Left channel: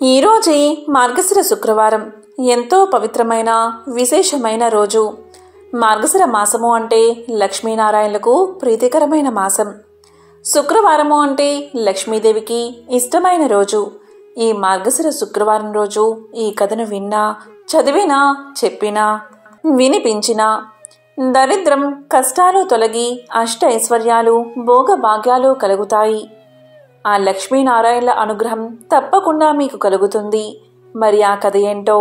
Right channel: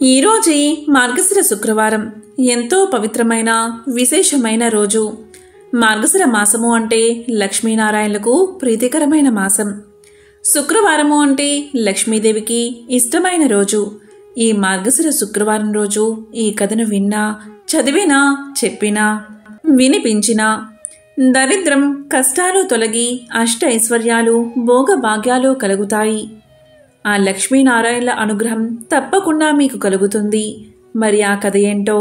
ఈరోజే మార్గశిర శుక్రవారం ఎంతో పవిత్రమైన విశేషమైన రోజు. మార్గశిర మాసము అంటే లక్ష్మీనారాయణలకు ప్రీతికరమైన మాసం. శుక్రవారము అంటే లక్ష్మీదేవికి ఇష్టమైన రోజు. ఈ మార్గశిర శుక్రవారం రోజు ఈ కథను విన్నా, చదివినా, చెప్పినా, వినిపించినా దరిద్రం, కష్టాలు తొలగి అష్ట ఐశ్వర్యాలు, భోగభాగ్యాలు కలుగుతాయి. ఆ లక్ష్మీనారాయణల అనుగ్రహం తప్పకుండా మీకు కలుగుతుంది. మరి ఆ కథ ఏంటో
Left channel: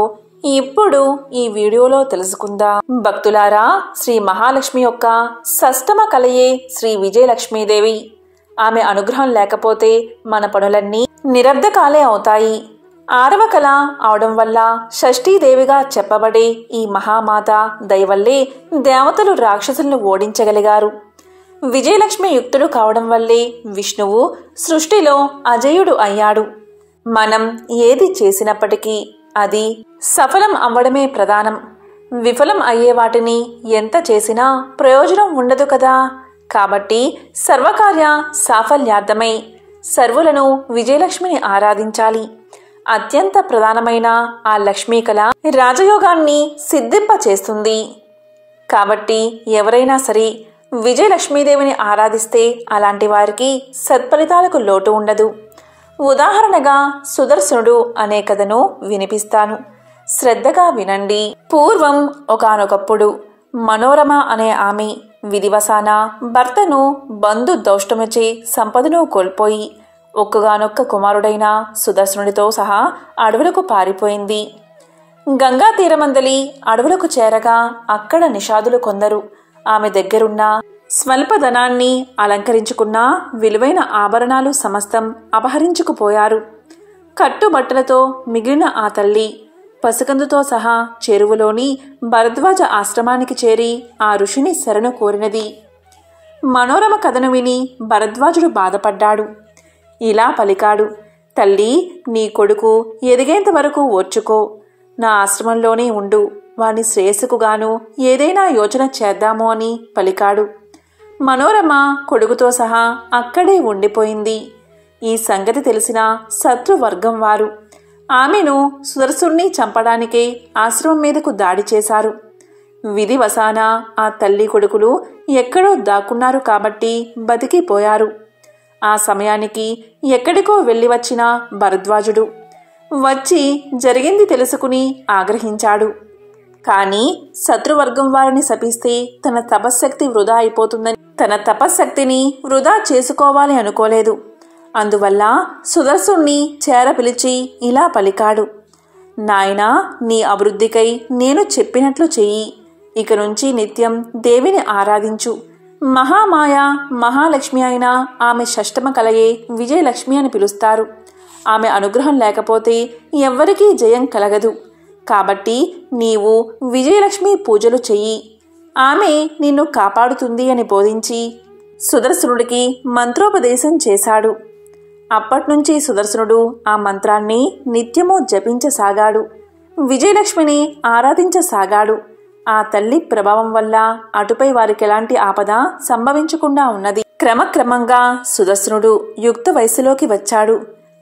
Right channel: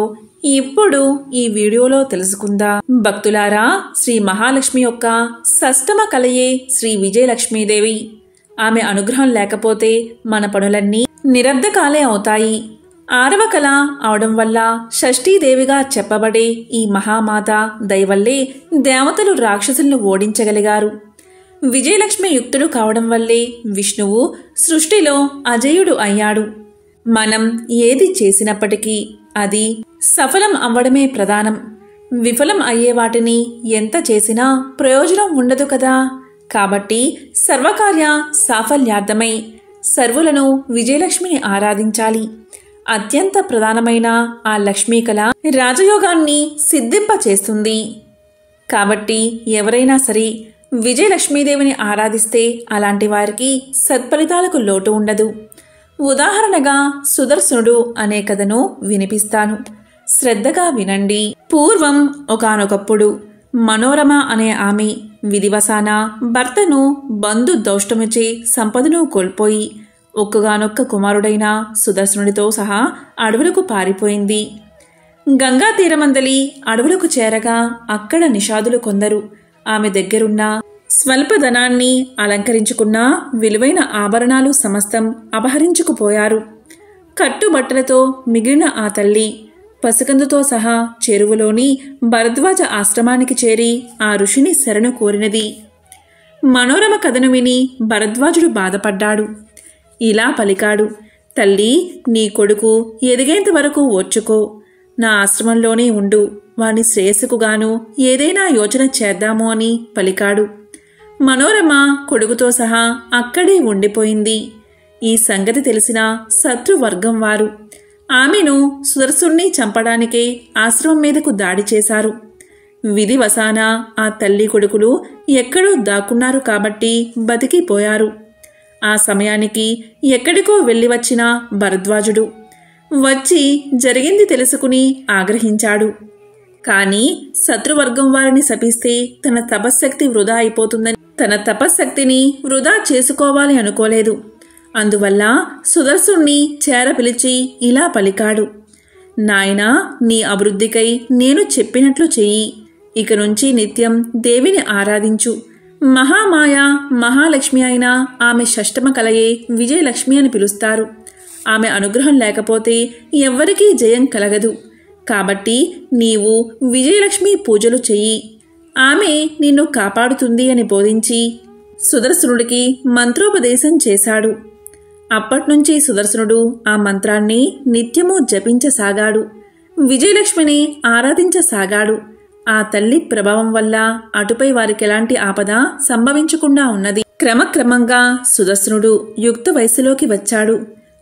ఇప్పుడు ఈ వీడియోలో తెలుసుకుందాం. భక్తులారా, శ్రీ మహాలక్ష్మి యొక్క షష్టమ కలయే శ్రీ విజయలక్ష్మీదేవి. ఆమె అనుగ్రహం లేకపోతే మన పనులన్నీ నిరర్ధకాలే అవుతాయి. 6వ కళ అవడం వల్ల షష్ఠీదేవిగా చెప్పబడే ఈ మహామాత దయవల్లే దేవతలు రాక్షసులను ఓడించగలిగారు. విజయలక్ష్మి యుక్తుడు కావడం వల్లే విష్ణువు సృష్టిలో అజేయుడు అయ్యాడు. మనం ఏది చేసినప్పటికీ అది సఫలం అవ్వడమే ప్రధానం. విఫలం అయ్యే వాటిని ఎంత చేసినా ప్రయోజనం ఉండదు కదా. కాబట్టి సర్వకార్య సాఫల్యార్థమై సర్వులను విజయలక్ష్మిని ఆరాధించాలి. అత్యంత ప్రధానమైన ఆ లక్ష్మీ కళ రాజయోగాన్ని సిద్ధింప చేస్తుంది. కాబట్టి ఎవరైనా సరే విజయలక్ష్మీదేవిని ఆరాధిస్తే అలాంటి వారికి సత్ఫలితాలకు లోటు ఉండదు. ఉదాహరణగా సుదర్శనుడు అనే కథను వినిపిస్తాను, శ్రద్ధగా వినండి. పూర్వం ఒకానొకప్పుడు మనోరమ అనే ఆమె విధివశాన భర్తను బంధు దౌష్టముచే సంపదను కోల్పోయి ఒక్కగానొక్క కుమారుడైన సుదర్శనుడితో సహా అడవులకు పారిపోయింది. గంగా తీరమందలి అడవులకు చేరగా అక్కడ నిషాదులు కొందరు ఆమె దగ్గరున్న స్వల్ప ధనాన్ని అలంకరించుకున్న విలువైన ఆభరణాలు సమస్తం అపహరించుకుపోయారు. కట్టుబట్టలతో మిగిలిన ఆ తల్లి పసికందుతో సహా చెరువులోని భరద్వాజ ఆశ్రమానికి చేరి ఆ ఋషిని శరణు కోరినది. మనోరమ కథను విని భరద్వాజుడు బాధపడ్డాడు. ఇలా పలికాడు, తల్లి, నీ కొడుకు ఎదిగేంత వరకు ఓర్చుకో. నా ఆశ్రమంలోనే ఉండు. వాని శ్రేయస్సుకుగాను ఏదైనా యోచన చేద్దాము అని పలికాడు. మనోరమ కొడుకుతో సహా అక్కడే ఉండిపోయింది. ఈ సంగతి తెలిసిన శత్రువర్గం వారు ఆమెను సుదర్శుణ్ణి చంపడానికే ఆశ్రమం మీదకు దాడి చేశారు. విధివశాన ఆ తల్లి కొడుకులు ఎక్కడో దాక్కున్నారు కాబట్టి బతికిపోయారు. ఆ సమయానికి ఎక్కడికో వెళ్ళి వచ్చిన భరద్వాజుడు వచ్చి జరిగింది తెలుసుకుని ఆగ్రహించాడు. కానీ శత్రువర్గం వారిని శపిస్తే తన తపశ్శక్తి వృధా అయిపోతుందని తన తపశ్శక్తిని వృధా చేసుకోవాలి అనుకోలేదు. అందువల్ల సుదర్శుణ్ణి చేర పిలిచి ఇలా పలికాడు, నాయనా, నీ అభివృద్ధికై నేను చెప్పినట్లు చెయ్యి. ఇక నుంచి నిత్యం దేవిని ఆరాధించు. మహామాయ మహాలక్ష్మి అయిన ఆమె షష్టమ కలయే విజయలక్ష్మి అని పిలుస్తారు. ఆమె అనుగ్రహం లేకపోతే ఎవ్వరికీ జయం కలగదు. కాబట్టి నీవు విజయలక్ష్మి పూజలు చెయ్యి. ఆమె నిన్ను కాపాడుతుంది అని బోధించి సుదర్శనుడికి మంత్రోపదేశం చేశాడు. అప్పట్నుంచి సుదర్శనుడు ఆ మంత్రాన్ని నిత్యము జపించసాగాడు. విజయలక్ష్మిని ఆరాధించసాగాడు. ఆ తల్లి ప్రభావం వల్ల అటుపై వారికి ఎలాంటి ఆపద సంభవించకుండా ఉన్నది. క్రమక్రమంగా సుదర్శనుడు యుక్త వయసులోకి వచ్చాడు.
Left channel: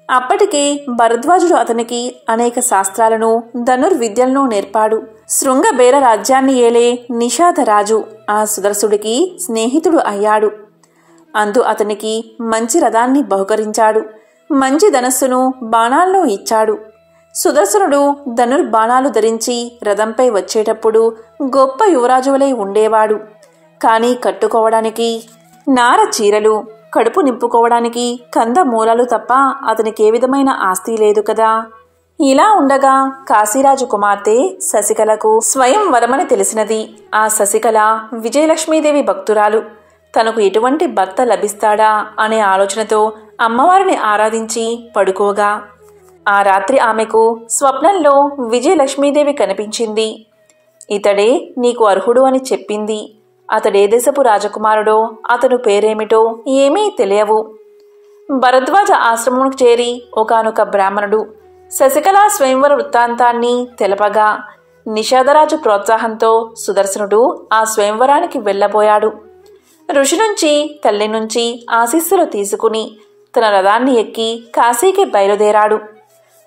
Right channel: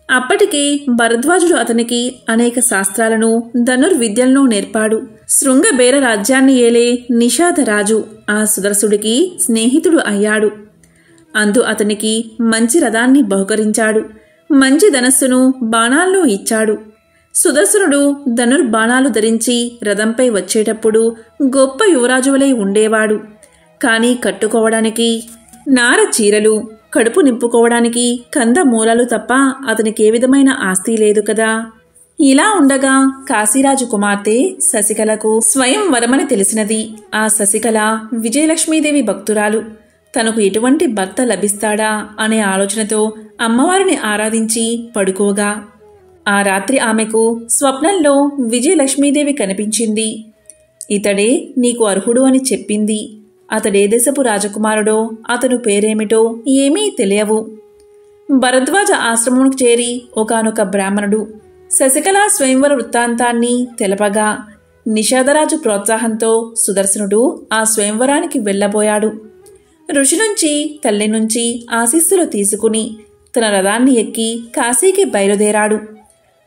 అప్పటికే భరద్వాజుడు అతనికి అనేక శాస్త్రాలను, ధనుర్విద్యలను నేర్పాడు. శృంగబేర రాజ్యాన్ని ఏలే నిషాదరాజు ఆ సుదర్శుడికి స్నేహితుడు అయ్యాడు. అందు అతనికి మంచి రథాన్ని బహుకరించాడు. మంచి ధనస్సును, బాణాలను ఇచ్చాడు. సుదర్శనుడు ధనుర్బాణాలు ధరించి రథంపై వచ్చేటప్పుడు గొప్ప యువరాజువలై ఉండేవాడు. కానీ కట్టుకోవడానికి నార చీరలు, కడుపు నింపుకోవడానికి కందమూలాలు తప్ప అతనికే విధమైన ఆస్తి లేదు కదా. ఇలా ఉండగా కాశీరాజు కుమార్తె శశికళకు స్వయం వరమని తెలిసినది. ఆ శశికళ విజయలక్ష్మీదేవి భక్తురాలు. తనకు ఎటువంటి భర్త లభిస్తాడా అనే ఆలోచనతో అమ్మవారిని ఆరాధించి పడుకోగా ఆ రాత్రి ఆమెకు స్వప్నంలో విజయలక్ష్మీదేవి కనిపించింది. ఇతడే నీకు అర్హుడు అని చెప్పింది. అతడే దేశపు రాజకుమారుడో, అతను పేరేమిటో ఏమీ తెలియవు. భరద్వాజ ఆశ్రమంకు చేరి ఒకానొక బ్రాహ్మణుడు శశికళ స్వయంవర వృత్తాంతాన్ని తెలపగా నిషాదరాజు ప్రోత్సాహంతో సుదర్శనుడు ఆ స్వయంవరానికి వెళ్ళబోయాడు. ఋషి నుంచి, తల్లి నుంచి ఆశీస్సులు తీసుకుని తన రథాన్ని ఎక్కి కాశీకి బయలుదేరాడు.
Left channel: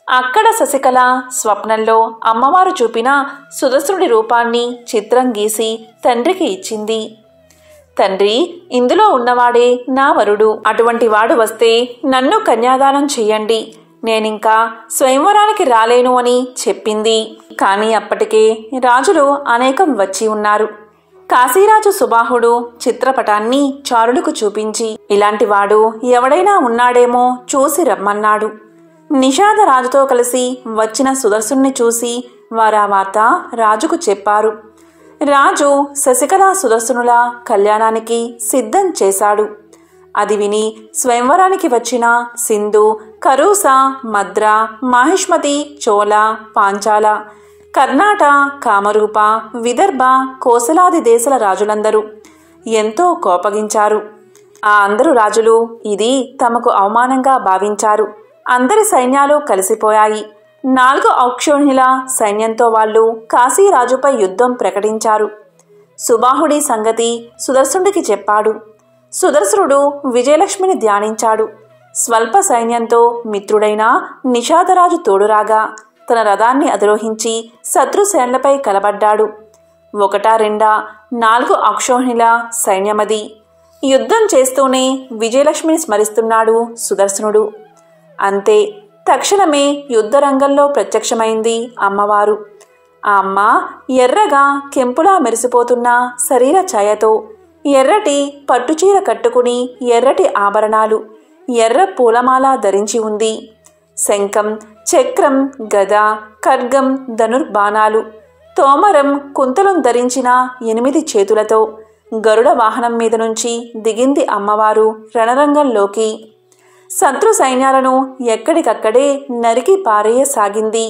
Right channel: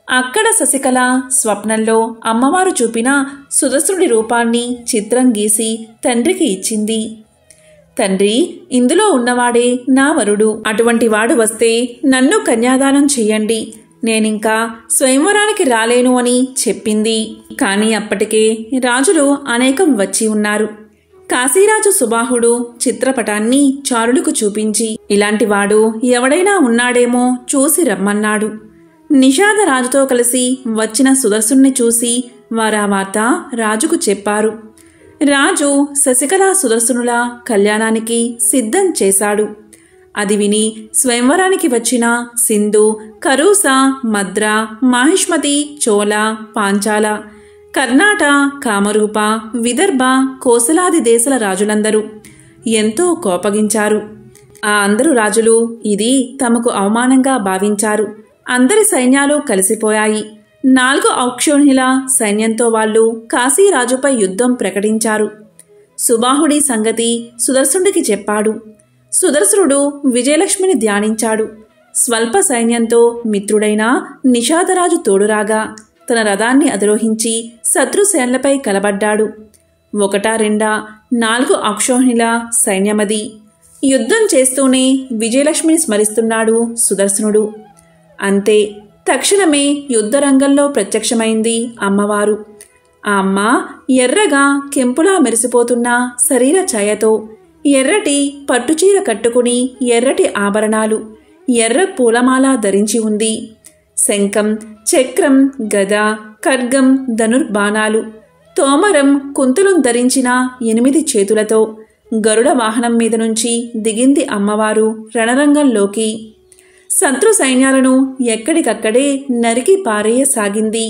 అక్కడ శశికళ స్వప్నంలో అమ్మవారు చూపిన సుదర్శనుడి రూపాన్ని చిత్రం గీసి తండ్రికి ఇచ్చింది. తండ్రి, ఇందులో ఉన్నవాడే నా వరుడు. అటువంటి వాడు వస్తే నన్ను కన్యాదానం చెయ్యండి. నేనింకా స్వయంవరానికి రాలేను అని చెప్పింది. కానీ అప్పటికే రాజులు అనేకం వచ్చి ఉన్నారు. కాశీరాజు సుబాహుడు చిత్రపటాన్ని చారులకు చూపించి, ఇలాంటివాడు ఎవడైనా ఉన్నాడేమో చూసి రమ్మన్నాడు. నిషాద రాజుతో కలిసి వచ్చిన సుదర్శుణ్ణి చూసి వారా వార్త రాజుకు చెప్పారు. రాజు శశికళ సుదర్శనుల కళ్యాణానికి సిద్ధం చేశాడు. అది విని స్వయంవరానికి వచ్చిన సింధు, కరూస, మద్ర, మాహిష్మతి, చోళ, పాంచాల, కర్ణాట, కామరూప, విదర్భ, కోసలాది దేశాల రాజులందరూ ఎంతో కోపగించారు. ఆ అందరు రాజులు ఇది తమకు అవమానంగా భావించారు. అందరి సైన్యాలు కలిసిపోయాయి. 4 ఔక్షోహిణుల సైన్యంతో వాళ్ళు కాశీరాజుపై యుద్ధం ప్రకటించారు. సుబాహుడి సంగతి సుదర్శనుడికి చెప్పాడు. సుదర్శనుడు విజయలక్ష్మిని ధ్యానించాడు. స్వల్ప సైన్యంతో మిత్రుడైన నిషాదరాజు తోడురాగా తన రథాన్ని అధిరోహించి శత్రుసేనలపై కలబడ్డాడు. 1, 2, 4 ఔక్షోహిణుల సైన్యమది. యుద్ధం చేస్తూనే విజయలక్ష్మిని స్మరిస్తున్నాడు సుదర్శనుడు. అంతే, తక్షణమే యుద్ధరంగంలో ప్రత్యక్షమైంది అమ్మవారు. ఆ అమ్మ ఎర్రగా కెంపులా మెరిసిపోతున్న శరీర ఛాయతో ఎర్రటి పట్టుచీర కట్టుకుని ఎర్రటి ఆభరణాలు, ఎర్ర పూలమాల ధరించి ఉంది. శంఖం, చక్రం, గద, ఖడ్గం, ధనుర్బాణాలు, తోమరం, కుంతలం ధరించిన 8 చేతులతో గరుడ వాహనం మీద నుంచి దిగింది అమ్మవారు రణరంగంలోకి. శత్రు సైన్యాలను ఎక్కడికక్కడే నరికి పారేయసాగింది.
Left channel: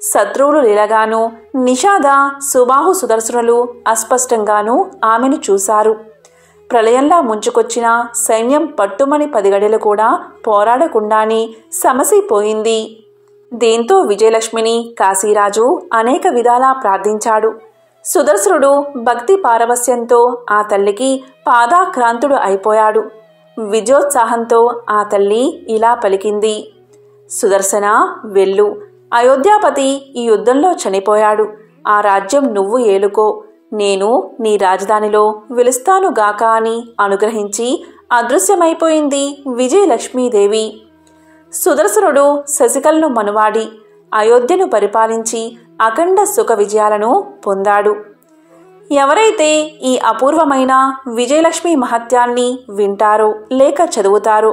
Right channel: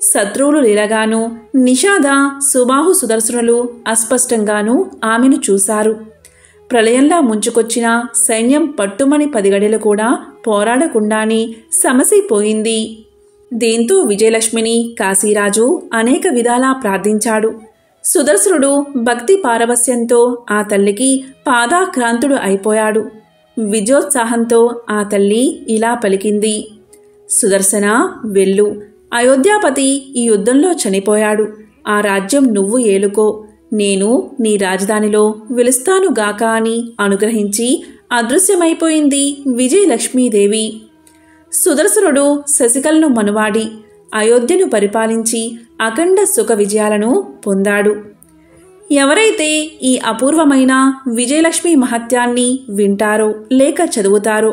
శత్రువులు లీలగాను నిషాద, సుబాహు, సుదర్శనులు అస్పష్టంగానూ ఆమెను చూశారు. ప్రళయంలా ముంచుకొచ్చిన సైన్యం పట్టుమని 10 గడియలు కూడా పోరాడకుండానే సమసిపోయింది. దీంతో విజయలక్ష్మిని కాశీరాజు అనేక విధాలా ప్రార్థించాడు. సుదర్శనుడు భక్తి పారవస్యంతో ఆ తల్లికి పాదాక్రాంతుడు అయిపోయాడు. విజయోత్సాహంతో ఆ తల్లి ఇలా పలికింది: సుదర్శన, వెళ్ళు. అయోధ్యాపతి ఈ యుద్ధంలో చనిపోయాడు. ఆ రాజ్యం నువ్వు ఏలుకో. నేను నీ రాజధానిలో వెలుస్తానుగాక అని అనుగ్రహించి అదృశ్యమైపోయింది విజయలక్ష్మీదేవి. సుదర్శనుడు శశికళను మనువాడి అయోధ్యను పరిపాలించి అఖండ సుఖ విజయాలను పొందాడు. ఎవరైతే ఈ అపూర్వమైన విజయలక్ష్మి మహత్యాన్ని వింటారో లేక చదువుతారో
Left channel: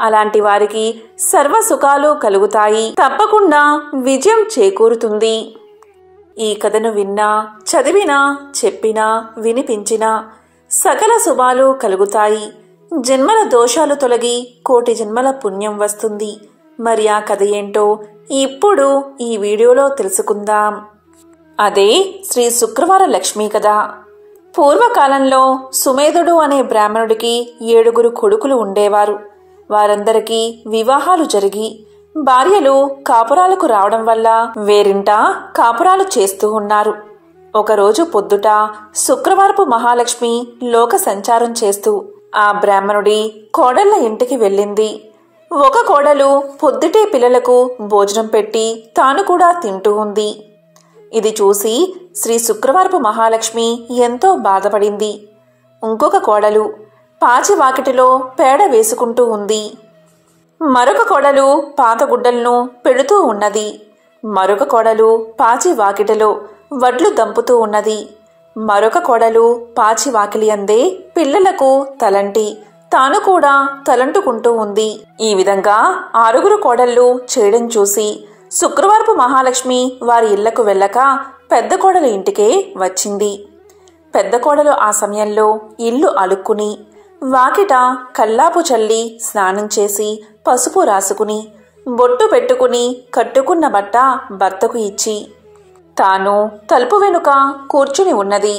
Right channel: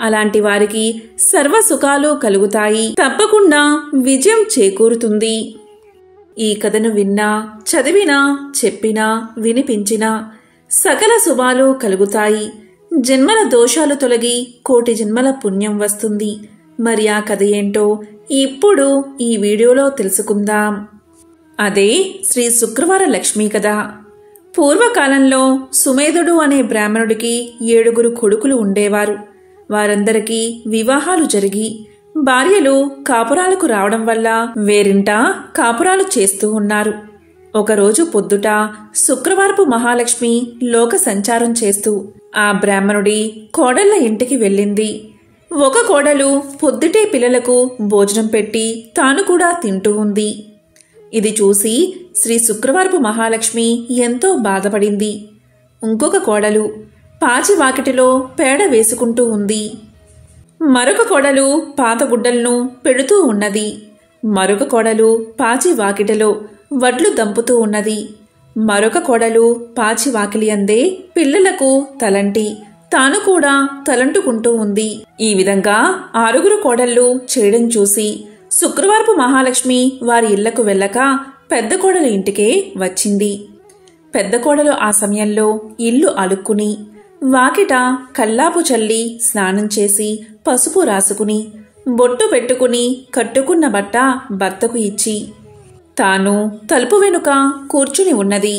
అలాంటి వారికి సర్వ సుఖాలు కలుగుతాయి. తప్పకుండా విజయం చేకూరుతుంది. ఈ కథను విన్నా, చదివినా, చెప్పినా, వినిపించినా సకల శుభాలు కలుగుతాయి. జన్మల దోషాలు తొలగి కోటి జన్మల పుణ్యం వస్తుంది. మరి ఆ కథ ఏంటో ఇప్పుడు ఈ వీడియోలో తెలుసుకుందాం. అదే శ్రీ శుక్రవార లక్ష్మీ కథ. పూర్వకాలంలో సుమేధుడు అనే బ్రాహ్మణుడికి 7 కొడుకులు ఉండేవారు. వారందరికీ వివాహాలు జరిగి భార్యలు కాపురాలకు రావడం వల్ల వేరింట కాపురాలు చేస్తూ ఉన్నారు. ఒకరోజు పొద్దుట శుక్రవారపు మహాలక్ష్మి లోక సంచారం చేస్తూ ఆ బ్రాహ్మణుడి కోడళ్ల ఇంటికి వెళ్ళింది. ఒక కోడలు పొద్దుటే పిల్లలకు భోజనం పెట్టి తాను కూడా తింటూ ఉంది. ఇది చూసి శ్రీ శుక్రవారపు మహాలక్ష్మి ఎంతో బాధపడింది. ఇంకొక కోడలు పాచి వాకిటిలో పేడ వేసుకుంటూ ఉంది. మరొక కోడలు పాత గుడ్డలను పెడుతూ ఉన్నది. మరొక కోడలు పాచి వాకిటిలో వడ్లు దంపుతూ ఉన్నది. మరొక కోడలు పాచి వాకిలి అందే పిల్లలకు తలంటి తాను కూడా తలంటుకుంటూ ఉంది. ఈ విధంగా 6 కోడళ్ళు చేయడం చూసి శుక్రవారపు మహాలక్ష్మి వారి ఇళ్లకు వెళ్ళక పెద్ద కోడలు ఇంటికే వచ్చింది. పెద్ద కోడలు ఆ సమయంలో ఇల్లు అలుక్కుని వాకిట కల్లాపు చల్లి స్నానం చేసి పసుపు రాసుకుని బొట్టు పెట్టుకుని కట్టుకున్న బట్ట భర్తకు ఇచ్చి తాను తలుపు వెనుక కూర్చుని ఉన్నది.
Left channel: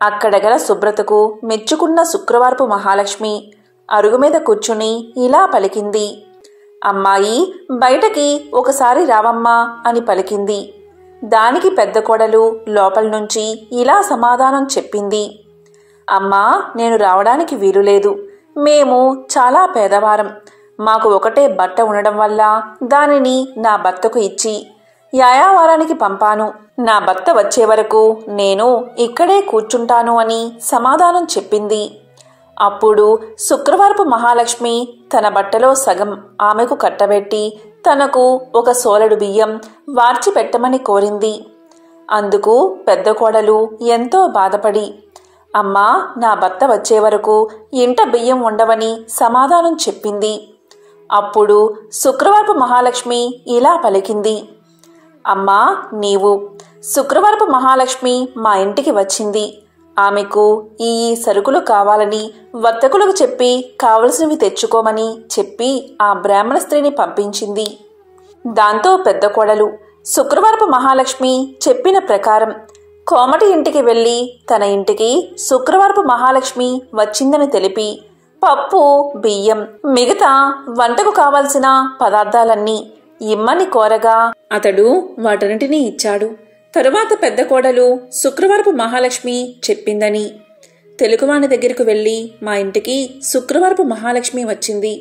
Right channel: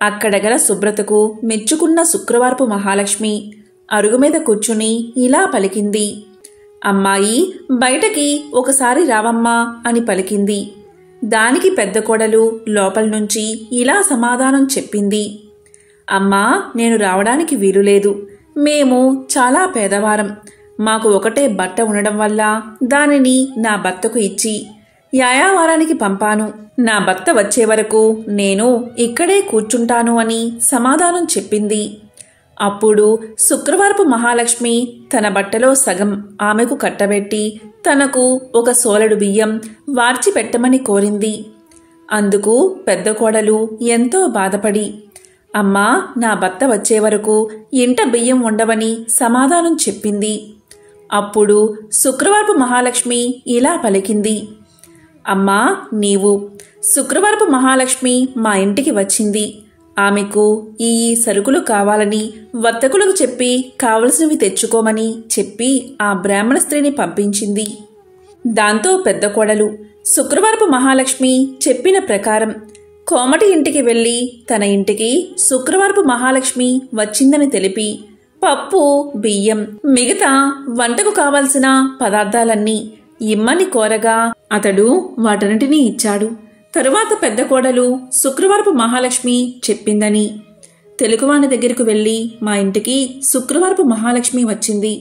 అక్కడ గల శుభ్రతకు మెచ్చుకున్న శుక్రవారపు మహాలక్ష్మి అరుగు మీద కూర్చుని ఇలా పలికింది: అమ్మాయి, బయటకి ఒకసారి రావమ్మా అని పలికింది. దానికి పెద్ద కోడలు లోపల నుంచి ఇలా సమాధానం చెప్పింది: అమ్మా, నేను రావడానికి వీలులేదు. మేము చాలా పేదవారం. మాకు ఒకటే బట్ట ఉండడం వల్ల దానిని నా భర్తకు ఇచ్చి యాయావారానికి పంపాను. నా భర్త వచ్చే వరకు నేను ఇక్కడే కూర్చుంటాను అని సమాధానం చెప్పింది. అప్పుడు శుక్రవారపు మహాలక్ష్మి తన బట్టలో సగం ఆమెకు కట్టబెట్టి తనకు ఒక సోలెడు బియ్యం వార్చి పెట్టమని కోరింది. అందుకు పెద్ద కోడలు ఎంతో బాధపడి, అమ్మా, నా భర్త వచ్చే వరకు ఇంట బియ్యం ఉండవని సమాధానం చెప్పింది. అప్పుడు శుక్రవారపు మహాలక్ష్మి ఇలా పలికింది, అమ్మా, నీవు శుక్రవారపు మహాలక్ష్మి మా ఇంటికి వచ్చింది. ఆమెకు ఈ సరుకులు కావాలని వర్తకులకు చెప్పి కావలసినవి తెచ్చుకోమని చెప్పి ఆ బ్రాహ్మణ స్త్రీని పంపించింది. దాంతో పెద్ద కోడలు శుక్రవారపు మహాలక్ష్మి చెప్పిన ప్రకారం కోమటి ఇంటికి వెళ్లి తన ఇంటికి శుక్రవారపు మహాలక్ష్మి వచ్చిందని తెలిపి పప్పు, బియ్యం, మిగతా వంటకు కావలసిన పదార్థాలన్నీ ఇమ్మని కోరగా అతడు వాటన్నిటినీ ఇచ్చాడు. తరువాత పెద్ద కోడలు శుక్రవారపు మహాలక్ష్మి చెప్పిందని తెలుగువాని దగ్గరకు వెళ్లి మా ఇంటికి శుక్రవారపు మహాలక్ష్మి వచ్చింది,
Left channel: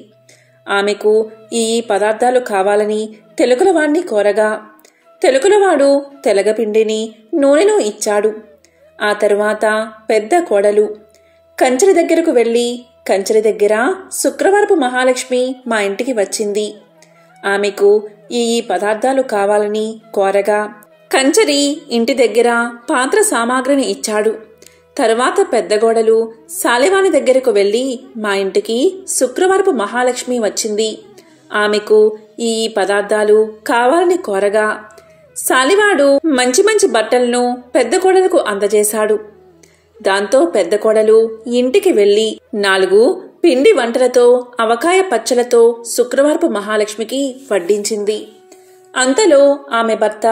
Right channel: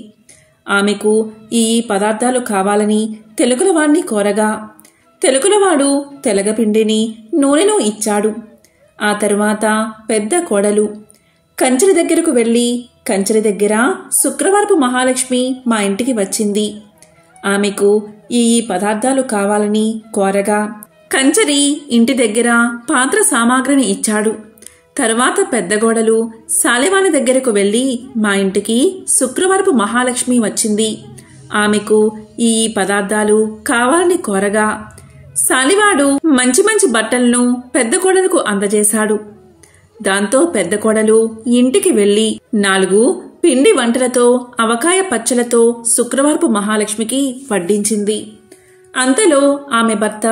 ఆమెకు ఈ పదార్థాలు కావాలని తెలుగులవాణ్ణి కోరగా తెలుగులవాడు తెలగపిండిని, నూనెను ఇచ్చాడు. ఆ తరువాత పెద్ద కోడలు కంచెల దగ్గరకు వెళ్లి కంచెల దగ్గర శుక్రవారపు మహాలక్ష్మి మా ఇంటికి వచ్చింది, ఆమెకు ఈ పదార్థాలు కావాలని కోరగా కంచరి ఇంటి దగ్గర పాత్ర సామాగ్రిని ఇచ్చాడు. తరువాత పెద్ద కోడలు సాలివాని దగ్గరకు వెళ్లి మా ఇంటికి శుక్రవారపు మహాలక్ష్మి వచ్చింది, ఆమెకు ఈ పదార్థాలు కావాలని కోరగా సాలివాడు మంచి మంచి బట్టలను పెద్ద కోడలకు అందజేశాడు. దాంతో పెద్ద కోడలు ఇంటికి వెళ్లి 4 పిండి వంటలతో అవకాయ పచ్చలతో శుక్రవారపు మహాలక్ష్మికి వడ్డించింది. అంతలో ఆమె భర్త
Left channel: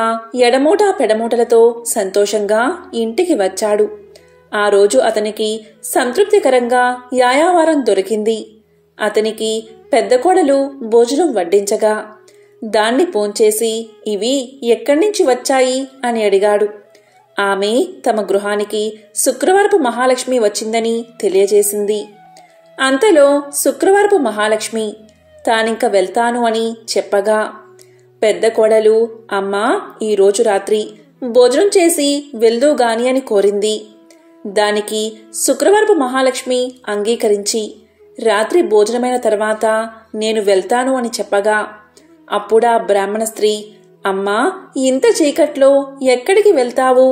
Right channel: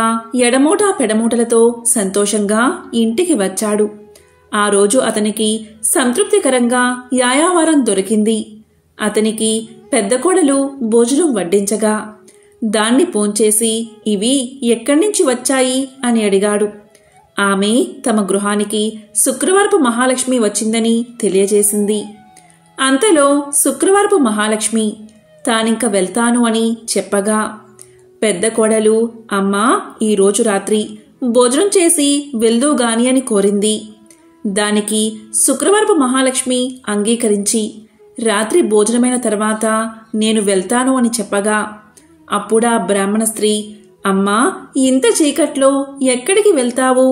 ఎడమూట పెడమూటలతో సంతోషంగా ఇంటికి వచ్చాడు. ఆ రోజు అతనికి సంతృప్తికరంగా యాయావారం దొరికింది. అతనికి పెద్ద కోడలు భోజనం వడ్డించగా దాన్ని పోంచేసి ఇవి ఎక్కడ్నుంచి వచ్చాయి అని అడిగాడు. ఆమె తమ గృహానికి శుక్రవారపు మహాలక్ష్మి వచ్చిందని తెలియజేసింది. అంతలో శుక్రవారపు మహాలక్ష్మి తానింక వెళ్తాను అని చెప్పగా పెద్ద కోడలు, అమ్మా, ఈరోజు రాత్రి భోజనం చేసి వెళ్దూగాని అని కోరింది. దానికి శుక్రవారపు మహాలక్ష్మి అంగీకరించి రాత్రి భోజనమైన తర్వాత నేను వెళ్తాను అని చెప్పగా అప్పుడా బ్రాహ్మణ స్త్రీ, అమ్మా, ఇంత చీకట్లో ఎక్కడికి వెళ్తావు?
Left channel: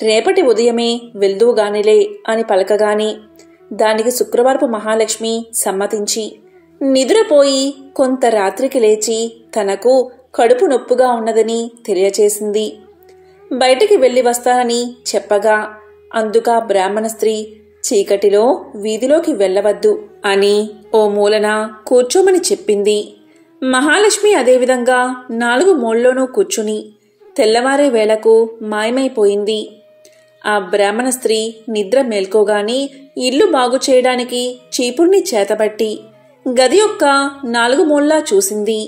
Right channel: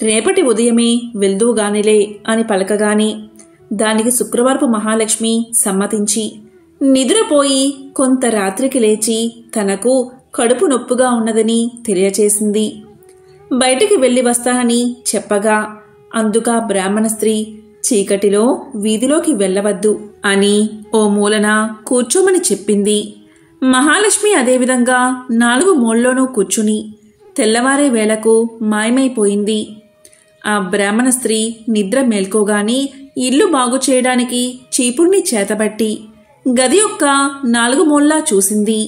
రేపటి ఉదయమే వెళ్దూగానిలే అని పలకగానే దానికి శుక్రవారపు మహాలక్ష్మి సమ్మతించి నిద్రపోయి కొంత రాత్రికి లేచి తనకు కడుపు నొప్పుగా ఉన్నదని తెలియచేసింది. బయటికి వెళ్లి వస్తానని చెప్పగా అందుక బ్రాహ్మణ స్త్రీ చీకటిలో వీధిలోకి వెళ్లవద్దు అని ఓ మూలన కూర్చోమని చెప్పింది. మహాలక్ష్మి అదేవిధంగా 4 మూలలోనూ కూర్చుని తెల్లవారే వేళకు మాయమైపోయింది. ఆ బ్రాహ్మణ స్త్రీ నిద్ర మేల్కోగానే ఇల్లు బాగు చేయడానికి చీపుర్ని చేతబట్టి గది యొక్క 4 మూలలా చూసింది.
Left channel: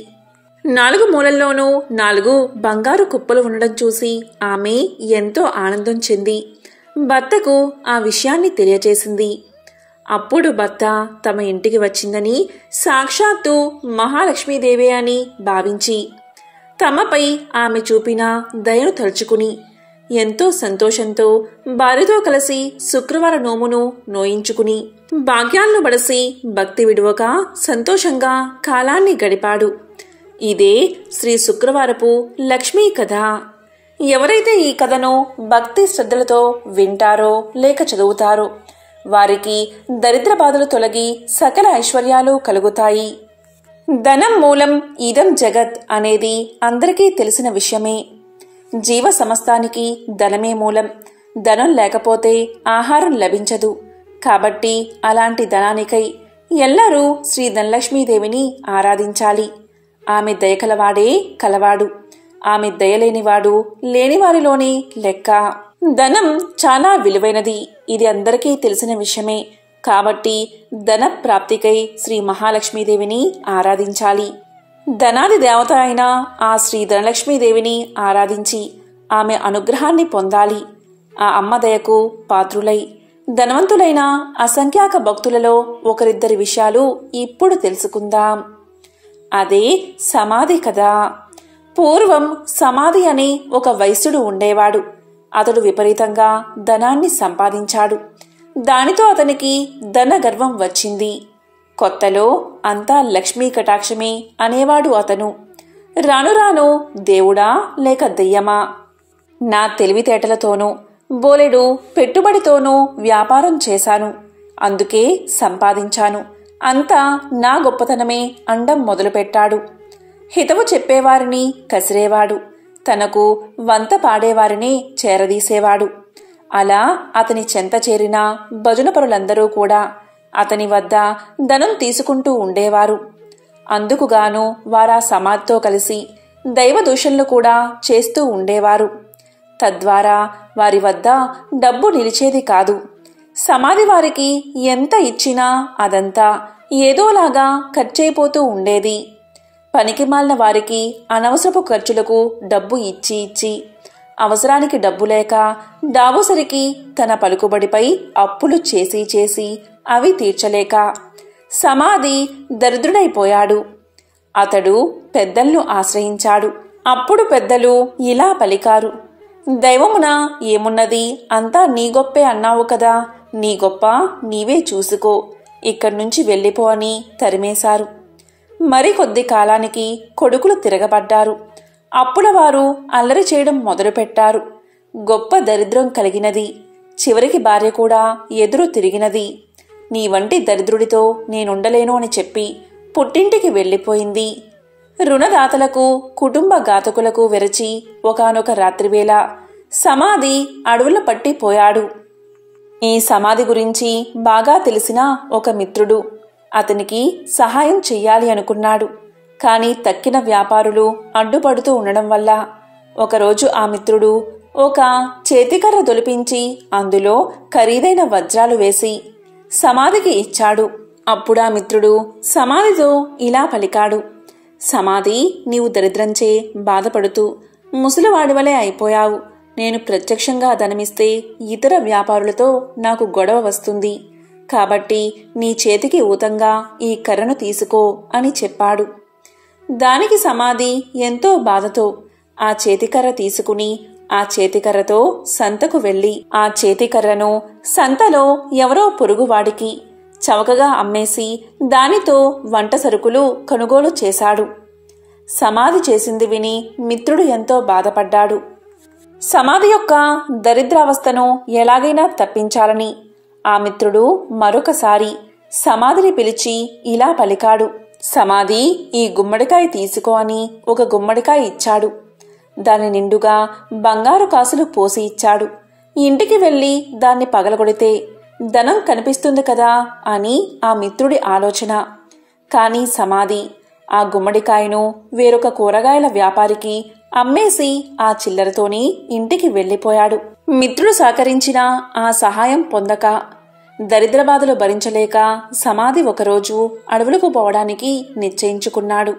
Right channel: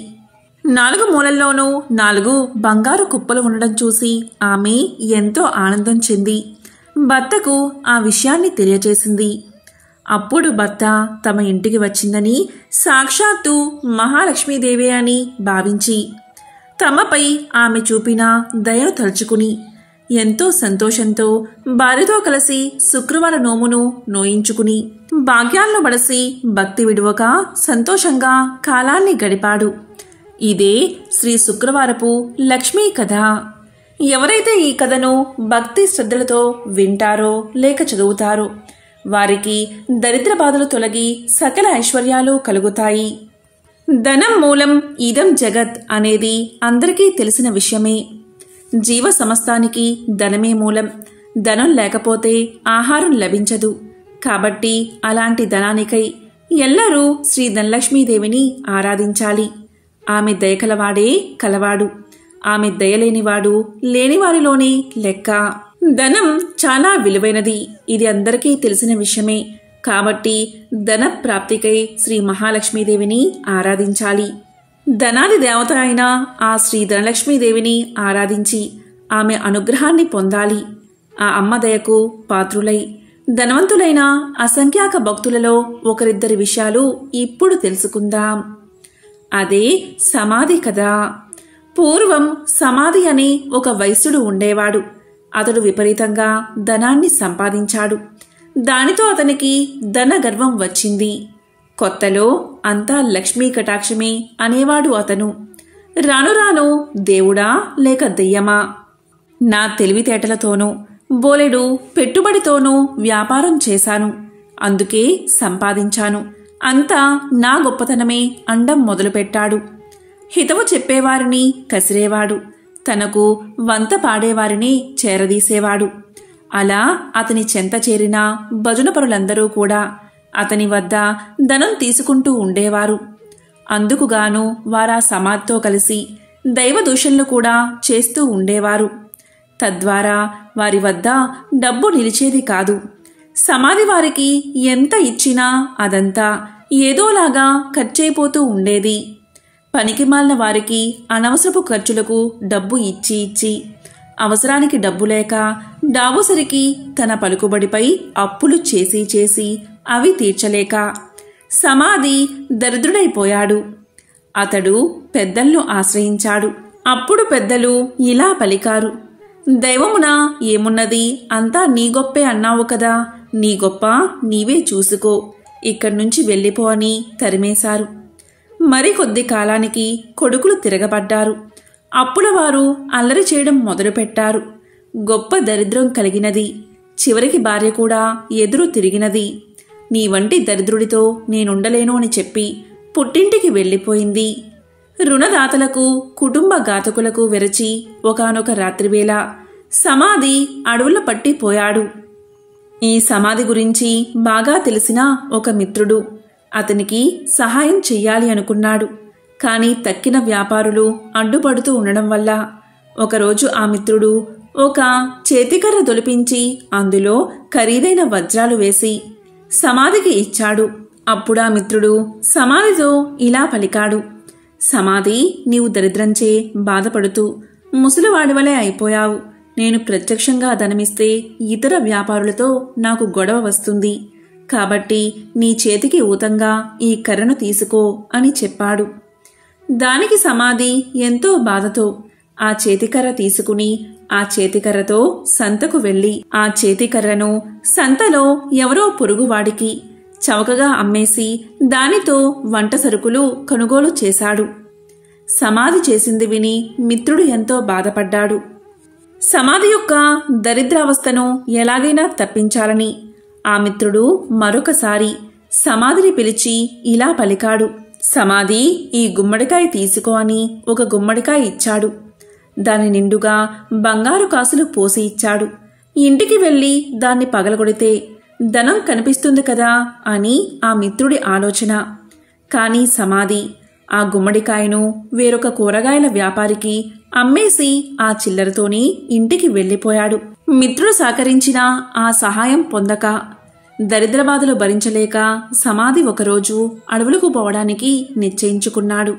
4 మూలల్లోనూ 4 బంగారు కుప్పలు ఉండడం చూసి ఆమె ఎంతో ఆనందం చెంది భర్తకు ఆ విషయాన్ని తెలియజేసింది. అప్పుడు భర్త తమ ఇంటికి వచ్చిందని సాక్షాత్తు మహాలక్ష్మీదేవి అని భావించి తమపై ఆమె చూపిన దయను తలుచుకుని ఎంతో సంతోషంతో భార్యతో కలిసి శుక్రవార నోమును నోయించుకుని భాగ్యాలను బడసి భక్తి విడువక సంతోషంగా కాలాన్ని గడిపాడు. ఇదే శ్రీ శుక్రవారపు లక్ష్మీ కథ. ఎవరైతే ఈ కథను భక్తి శ్రద్ధలతో వింటారో లేక చదువుతారో వారికి దరిద్ర బాధలు తొలగి సకల ఐశ్వర్యాలు కలుగుతాయి. ధనం మూలం ఇదం జగత్ అనేది అందరికీ తెలిసిన విషయమే. జీవ సమస్తానికి ధనమే మూలం. ధనం లేకపోతే ఆహారం లభించదు. కాబట్టి అలాంటి ధనానికై ఎల్లరూ శ్రీ ధనలక్ష్మీదేవిని ఆరాధించాలి. ఆమె దయకలవాడే కలవాడు. ఆమె దయలేనివాడు లేనివారిలోనే లెక్క. ధనం చాలా విలువైనది. ఇది అందరికీ తెలిసిన విషయమే. కాబట్టి ధన ప్రాప్తికై శ్రీ మహాలక్ష్మీదేవిని ఆరాధించాలి. ధనాది దేవత అయిన ఆ శ్రీ ధనలక్ష్మీదేవిని ఆరాధించి ఆమె అనుగ్రహాన్ని పొందాలి. ఆ అమ్మ దయకు పాత్రులై ధనవంతులైన అసంఖ్యాక భక్తులలో ఒకరిద్దరి విషయాలు ఇప్పుడు తెలుసుకుందాం. అదే సమాధి కదా. పూర్వం సమాధి అని ఒక వైశ్యుడు ఉండేవాడు. అతడు విపరీతంగా ధనాన్ని సంపాదించాడు. దానితో అతనికి ధన గర్వం వచ్చింది. కొత్తలో అంతా లక్ష్మీ కటాక్షమే అనేవాడు అతను. రాను రాను దేవుడా లేక దెయ్యమా, నా తెలివితేటలతోనూ బోలెడు పెట్టుబడితోనూ వ్యాపారం చేశాను, అందుకే సంపాదించాను, అంతా నా గొప్పతనమే అండం మొదలుపెట్టాడు. హితవు చెప్పేవారిని కసిరేవాడు, తనకు వంత పాడేవారిని చేరదీసేవాడు. అలా అతని చెంత చేరిన భజనపరులందరూ కూడా అతని వద్ద ధనం తీసుకుంటూ ఉండేవారు. అందుకుగాను వారా సమాధితో కలిసి దైవ దూషణలు కూడా చేస్తూ ఉండేవారు. తద్వారా వారి వద్ద డబ్బు నిలిచేది కాదు. సమాధి వారికి ఎంత ఇచ్చినా అదంతా ఏదోలాగా ఖర్చయిపోతూ ఉండేది. పనికిమాలిన వారికి అనవసరపు ఖర్చులకు డబ్బు ఇచ్చి ఇచ్చి అవసరానికి డబ్బు లేక డాబోసరికి తన పలుకుబడిపై అప్పులు చేసి చేసి అవి తీర్చలేక సమాధి దరిద్రుడైపోయాడు. అతడు పెద్దలను ఆశ్రయించాడు. అప్పుడు పెద్దలు ఇలా పలికారు, దైవమున ఏమున్నది, అంతా నీ గొప్పే అన్నావు కదా, నీ గొప్ప నీవే చూసుకో, ఇక్కడ్నుంచి వెళ్ళిపో అని తరిమేశారు. మరికొద్ది కాలానికి కొడుకులు తిరగబడ్డారు. అప్పులవారు అల్లరి చేయడం మొదలుపెట్టారు. గొప్ప దరిద్రం కలిగినది. చివరికి భార్య కూడా ఎదురు తిరిగినది. నీ వంటి దరిద్రుడితో నేనుండలేను అని చెప్పి పుట్టింటికి వెళ్ళిపోయింది. రుణదాతలకు కుటుంబ ఘాతకులకు వెరచి ఒకానొక రాత్రివేళ సమాధి అడవుల పట్టిపోయాడు. ఈ సమాధి గురించి బాగా తెలిసిన ఒక మిత్రుడు అతనికి సహాయం చెయ్యాలి అనుకున్నాడు. కాని తక్కిన వ్యాపారులు అడ్డుపడుతూ ఉండడం వల్ల ఒకరోజు ఆ మిత్రుడు ఒక చేతికర్ర దొలిపించి అందులో ఖరీదైన వజ్రాలు వేసి సమాధికి ఇచ్చాడు. అప్పుడా మిత్రుడు సమాధితో ఇలా పలికాడు, సమాధి, నీవు దరిద్రంచే బాధపడుతూ ముసలివాడివలే అయిపోయావు. నేను ప్రత్యక్షంగా ధనమిస్తే ఇతర వ్యాపారులతో నాకు గొడవ వస్తుంది. కాబట్టి నీ చేతికి ఊతంగా ఈ కర్రను తీసుకో అని చెప్పాడు. దానికి సమాధి ఎంతో బాధతో ఆ చేతికర్ర తీసుకుని ఆ చేతికర్రతో సంతకు వెళ్లి ఆ చేతికర్రను సంతలో ఎవరో పొరుగువాడికి చవకగా అమ్మేసి దానితో వంట సరుకులు కొనుగోలు చేశాడు. సమాధి చేసింది విని మిత్రుడు ఎంతో బాధపడ్డాడు. సమాధి యొక్క దరిద్రావస్థను ఎలాగైనా తప్పించాలని ఆ మిత్రుడు మరొకసారి సమాధిని పిలిచి ఇలా పలికాడు, సమాధి, ఈ గుమ్మడికాయ తీసుకో అని ఒక గుమ్మడికాయ ఇచ్చాడు. దాని నిండుగా బంగారు కాసులు పోసి ఇచ్చాడు. ఇంటికి వెళ్లి దాన్ని పగలగొడితే ధనం కనిపిస్తుంది కదా అని ఆ మిత్రుడి ఆలోచన. కాని సమాధి ఆ గుమ్మడికాయను వేరొక కూరగాయల వ్యాపారికి అమ్మేసి ఆ చిల్లరతోని ఇంటికి వెళ్లిపోయాడు. మిత్రుడు సహకరించినా ఆ సహాయం పొందక దరిద్రబాధలు భరించలేక సమాధి ఒకరోజు అడవులకు పోవడానికి నిశ్చయించుకున్నాడు.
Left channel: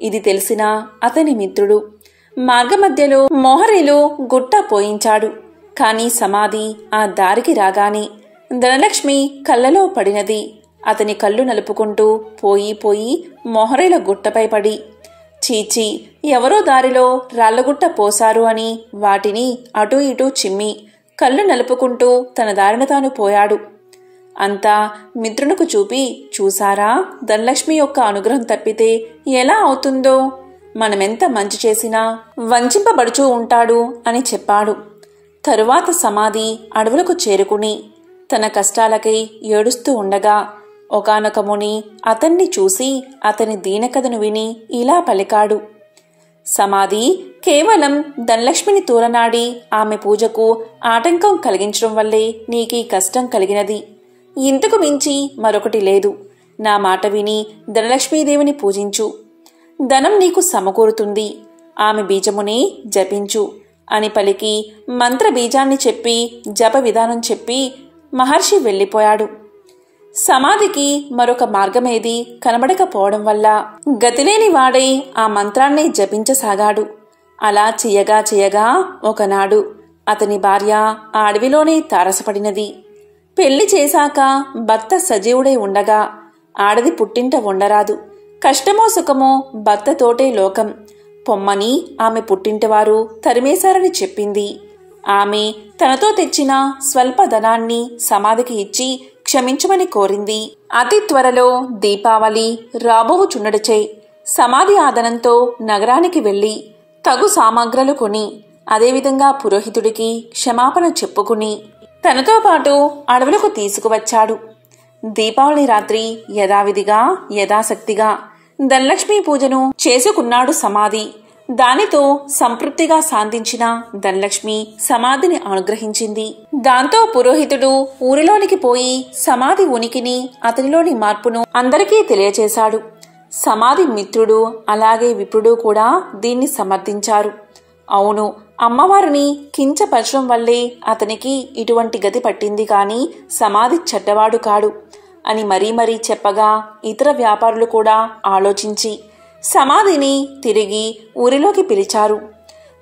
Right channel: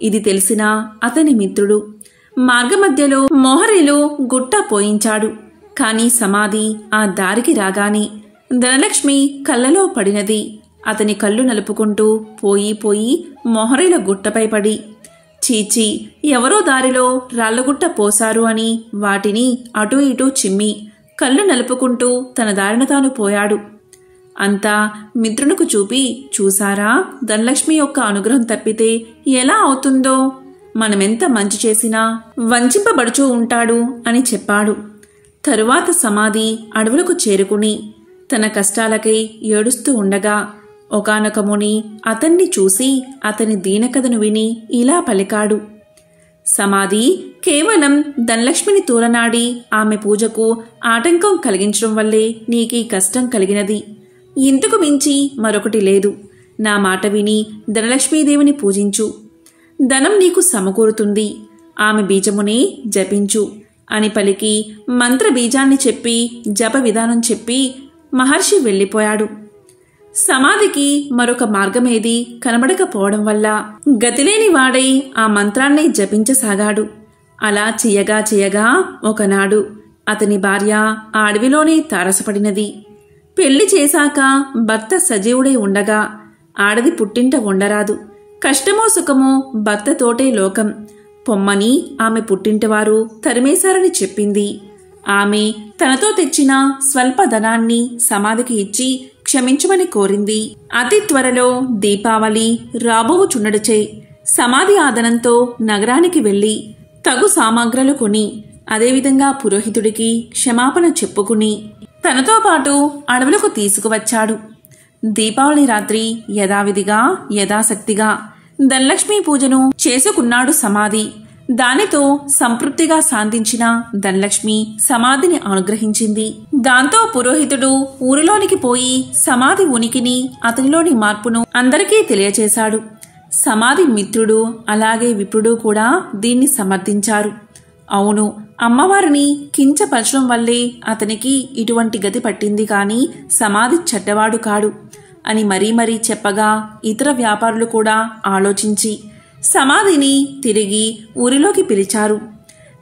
ఇది తెలిసిన అతని మిత్రుడు మార్గమధ్యలో మోహరేలు గుట్ట పోయించాడు. కాని సమాధి ఆ దారికి రాగానే ధనలక్ష్మి కళ్ళలో పడినది. అతని కళ్ళు నలుపుకుంటూ పోయి పోయి మోహరేల గుట్టపై పడి, చీచి, ఎవరో దారిలో రాళ్లగుట్ట పోశారు అని వాటిని అటూ ఇటూ చిమ్మి కళ్ళు నలుపుకుంటూ తన దారిన తాను పోయాడు. అంతా మిత్రునికి చూపి, చూసారా, ధనలక్ష్మి యొక్క అనుగ్రహం తప్పితే ఎలా అవుతుందో, మనమెంత మంచి చేసినా వంచింపబడుచూ ఉంటాడు అని చెప్పాడు. తరువాత సమాధి అడవులకు చేరుకుని తన కష్టాలకై ఏడుస్తూ ఉండగా ఒకానొక ముని అతన్ని చూసి అతని దీనకథను విని ఇలా పలికాడు, సమాధి, కేవలం ధనలక్ష్మిని తూలనాడి ఆమె పూజకు ఆటంకం కలిగించడం వల్లే నీకీ కష్టం కలిగినది. ఇంతకు మించి మరొకటి లేదు. నా మాట విని ధనలక్ష్మీదేవిని పూజించు. ధనం నీకు సమకూరుతుంది. ఆమె బీజమునే జపించు అని పలికి మంత్ర బీజాన్ని చెప్పి జప విధానం చెప్పి మహర్షి వెళ్ళిపోయాడు. సమాధికి మరొక మార్గమేది కనబడకపోవడం వల్ల గతిలేని వాడై ఆ మంత్రాన్ని జపించసాగాడు. అలా చెయ్యగా చెయ్యగా ఒకనాడు అతని భార్య ఆ అడవిలోనే తారసపడినది. పెళ్లి చేశాక భర్త సజీవుడై ఉండగా ఆడది పుట్టింట ఉండరాదు. కష్టమో సుఖమో భర్తతోటే లోకం. పొమ్మని ఆమె పుట్టింటివారు తరిమేశారని చెప్పింది. ఆమె తనతో తెచ్చిన స్వల్ప ధనాన్ని సమాధికి ఇచ్చి క్షమించమని కోరింది. అతి త్వరలో దీపావళి రాబోవుచుండడచే సమాధి ఆదనంతో నగరానికి వెళ్లి తగు సామాగ్రలు కొని అదేవిధంగా పురోహితుడికి క్షమాపణ చెప్పుకుని తనతో పాటు అడవులకు తీసుకువచ్చాడు. దీపావళి రాత్రి యథావిధిగా యథాశక్తిగా ధనలక్ష్మీ పూజను చేసుకున్నాడు సమాధి. దానితో సంతృప్తిగా శాంతించిన ధనలక్ష్మి సమాధిని అనుగ్రహించింది. దాంతో పురోహితుడు ఊరిలోనికి పోయి సమాధి ఉనికిని అతనిలోని మార్పును అందరికీ తెలియచేశాడు. సమాధి మిత్రుడు అలాగే విప్రుడు కూడా దీన్ని సమర్థించారు. అవును, అమ్మవారిని కించపరచడం వల్లే అతనికి ఇటువంటి గతి పట్టింది కాని సమాధి చెడ్డవాడు కాడు అని మరీ మరీ చెప్పగా ఇతర వ్యాపారులు కూడా ఆలోచించి సమాధిని తిరిగి ఊరిలోకి పిలిచారు.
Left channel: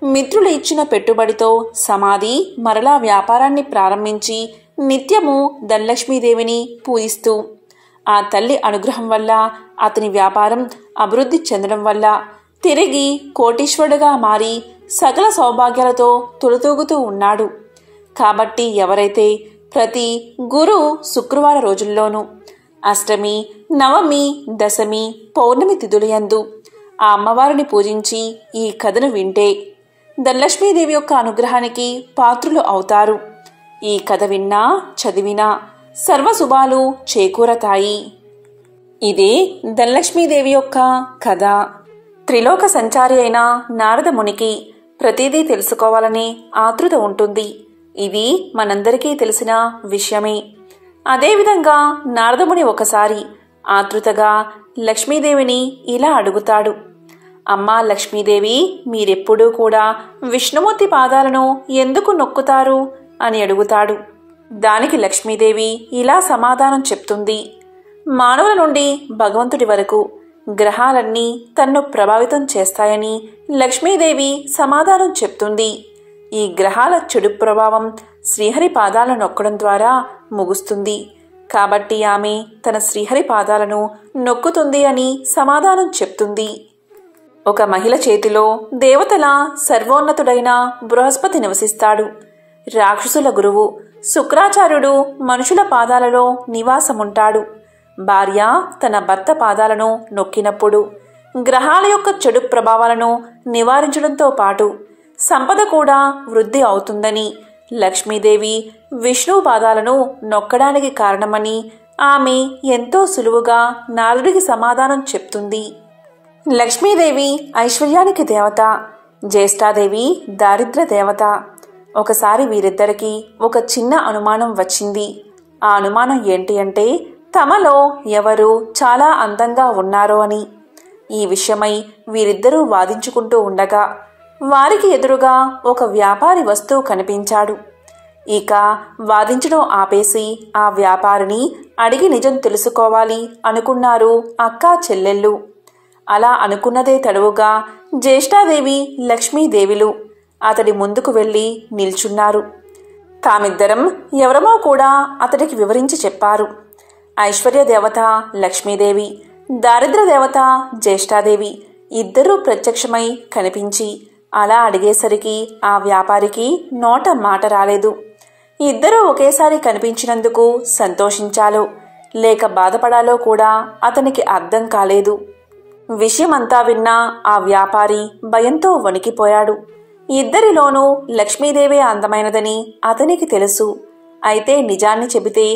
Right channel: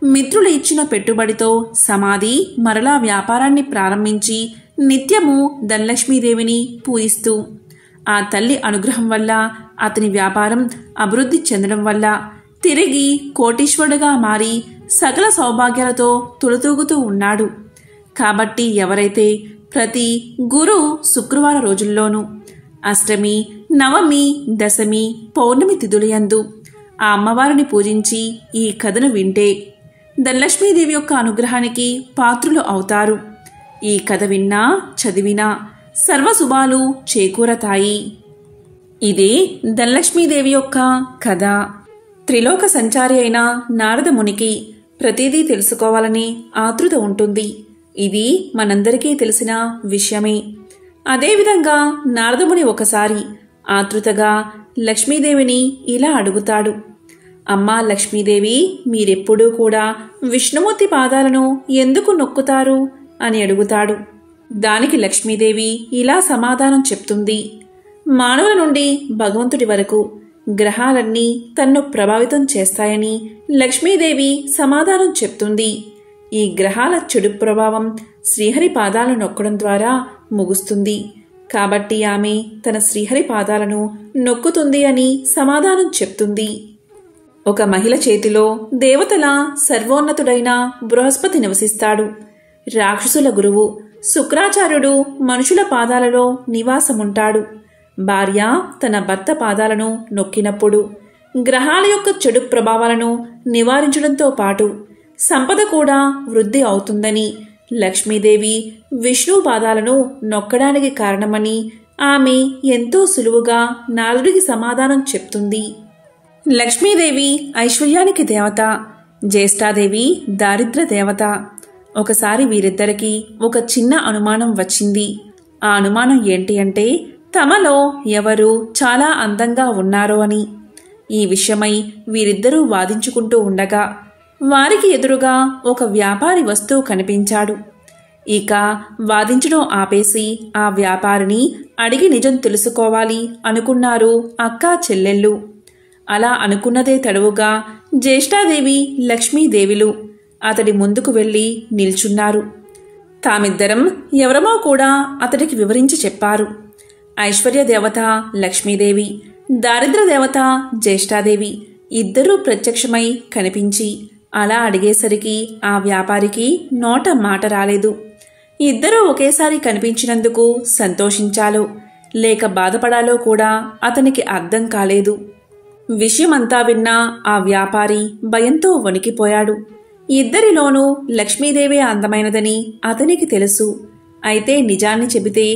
మిత్రులు ఇచ్చిన పెట్టుబడితో సమాధి మరలా వ్యాపారాన్ని ప్రారంభించి నిత్యము ధనలక్ష్మీదేవిని పూజిస్తూ ఆ తల్లి అనుగ్రహం వల్ల అతని వ్యాపారం అభివృద్ధి చెందడం వల్ల తిరిగి కోటీశ్వరుడుగా మారి సకల సౌభాగ్యాలతో తులతూగుతూ ఉన్నాడు. కాబట్టి ఎవరైతే ప్రతి గురు శుక్రవార రోజుల్లోనూ అష్టమి, నవమి, దశమి, పౌర్ణమి తిథులయందు ఆ అమ్మవారిని పూజించి ఈ కథను వింటే ధనలక్ష్మీదేవి యొక్క అనుగ్రహానికి పాత్రులు అవుతారు. ఈ కథ విన్నా చదివినా సర్వశుభాలు చేకూరతాయి. ఇదే ధనలక్ష్మీదేవి యొక్క కథ. త్రిలోక సంచారి అయిన నారద మునికి ప్రతిదీ తెలుసుకోవాలనే ఆతృత ఉంటుంది. ఇది మనందరికీ తెలిసిన విషయమే. అదేవిధంగా నారదముని ఒకసారి ఆతృతగా లక్ష్మీదేవిని ఇలా అడుగుతాడు. అమ్మా లక్ష్మీదేవి, మీరెప్పుడూ కూడా విష్ణుమూర్తి పాదాలను ఎందుకు నొక్కుతారు అని అడుగుతాడు. దానికి లక్ష్మీదేవి ఇలా సమాధానం చెప్తుంది. మానవుల నుండి భగవంతుడి వరకు గ్రహాలన్నీ తన్ను ప్రభావితం చేస్తాయని లక్ష్మీదేవి సమాధానం చెప్తుంది. ఈ గ్రహాల చెడు ప్రభావం శ్రీహరి పాదాలను నొక్కడం ద్వారా ముగుస్తుంది. కాబట్టి ఆమె తన శ్రీహరి పాదాలను నొక్కుతుంది అని సమాధానం చెప్తుంది. ఒక మహిళ చేతిలో దేవతల సర్వోన్నతుడైన బృహస్పతి నివసిస్తాడు. రాక్షసుల గురువు శుక్రాచార్యుడు మనుషుల పాదాలలో నివాసముంటాడు. భార్య తన భర్త పాదాలను నొక్కినప్పుడు గ్రహాల యొక్క చెడు ప్రభావాలను నివారించడంతో పాటు సంపద కూడా వృద్ధి అవుతుందని లక్ష్మీదేవి విష్ణు పాదాలను నొక్కడానికి కారణమని ఆమె ఎంతో సులువుగా నారదుడికి సమాధానం చెప్తుంది. లక్ష్మీదేవి ఐశ్వర్యానికి దేవత, జ్యేష్ఠాదేవి దారిద్ర్య దేవత. ఒకసారి వీరిద్దరికీ ఒక చిన్న అనుమానం వచ్చింది. ఆ అనుమానం ఏంటి అంటే తమలో ఎవరు చాలా అందంగా ఉన్నారో అని. ఈ విషయమై వీరిద్దరూ వాదించుకుంటూ ఉండగా వారికి ఎదురుగా ఒక వ్యాపారి వస్తువు కనిపించాడు. ఇక వాదించడం ఆపేసి ఆ వ్యాపారిని అడిగి నిజం తెలుసుకోవాలి అనుకున్నారు అక్కా చెల్లెళ్ళు. అలా అనుకున్నదే తడవుగా జ్యేష్ఠాదేవి లక్ష్మీదేవిలు అతడి ముందుకు వెళ్లి నిల్చున్నారు. తామిద్దరం ఎవరమో కూడా అతడికి వివరించి చెప్పారు. ఐశ్వర్య దేవత లక్ష్మీదేవి, దారిద్ర్య దేవత జ్యేష్ఠాదేవి ఇద్దరూ ప్రత్యక్షమై కనిపించి అలా అడిగేసరికి ఆ వ్యాపారికి నోట మాట రాలేదు. ఇద్దరూ ఒకేసారి కనిపించినందుకు సంతోషించాలో లేక బాధపడాలో కూడా అతనికి అర్థం కాలేదు. విషయమంతా విన్న ఆ వ్యాపారి భయంతో వణికిపోయాడు. ఇద్దరిలోనూ లక్ష్మీదేవే అందమైనదని అతనికి తెలుసు. అయితే నిజాన్ని చెబితే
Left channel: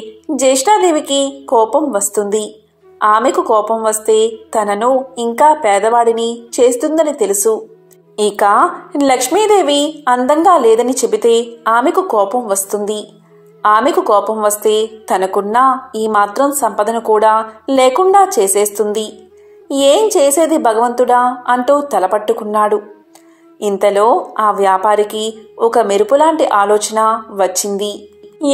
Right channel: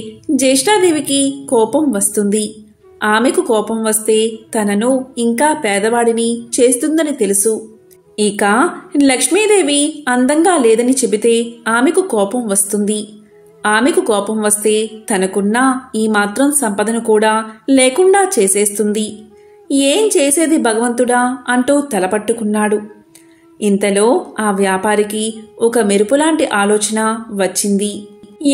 జ్యేష్ఠాదేవికి కోపం వస్తుంది. ఆమెకు కోపం వస్తే తనను ఇంకా పేదవాడిని చేస్తుందని తెలుసు. ఇక లక్ష్మీదేవి అందంగా లేదని చెబితే ఆమెకు కోపం వస్తుంది. ఆమెకు కోపం వస్తే తనకున్న ఈ మాత్రం సంపదను కూడా లేకుండా చేసేస్తుంది. ఏం చేసేది భగవంతుడా అంటూ తలపట్టుకున్నాడు. ఇంతలో ఆ వ్యాపారికి ఒక మెరుపులాంటి ఆలోచన వచ్చింది.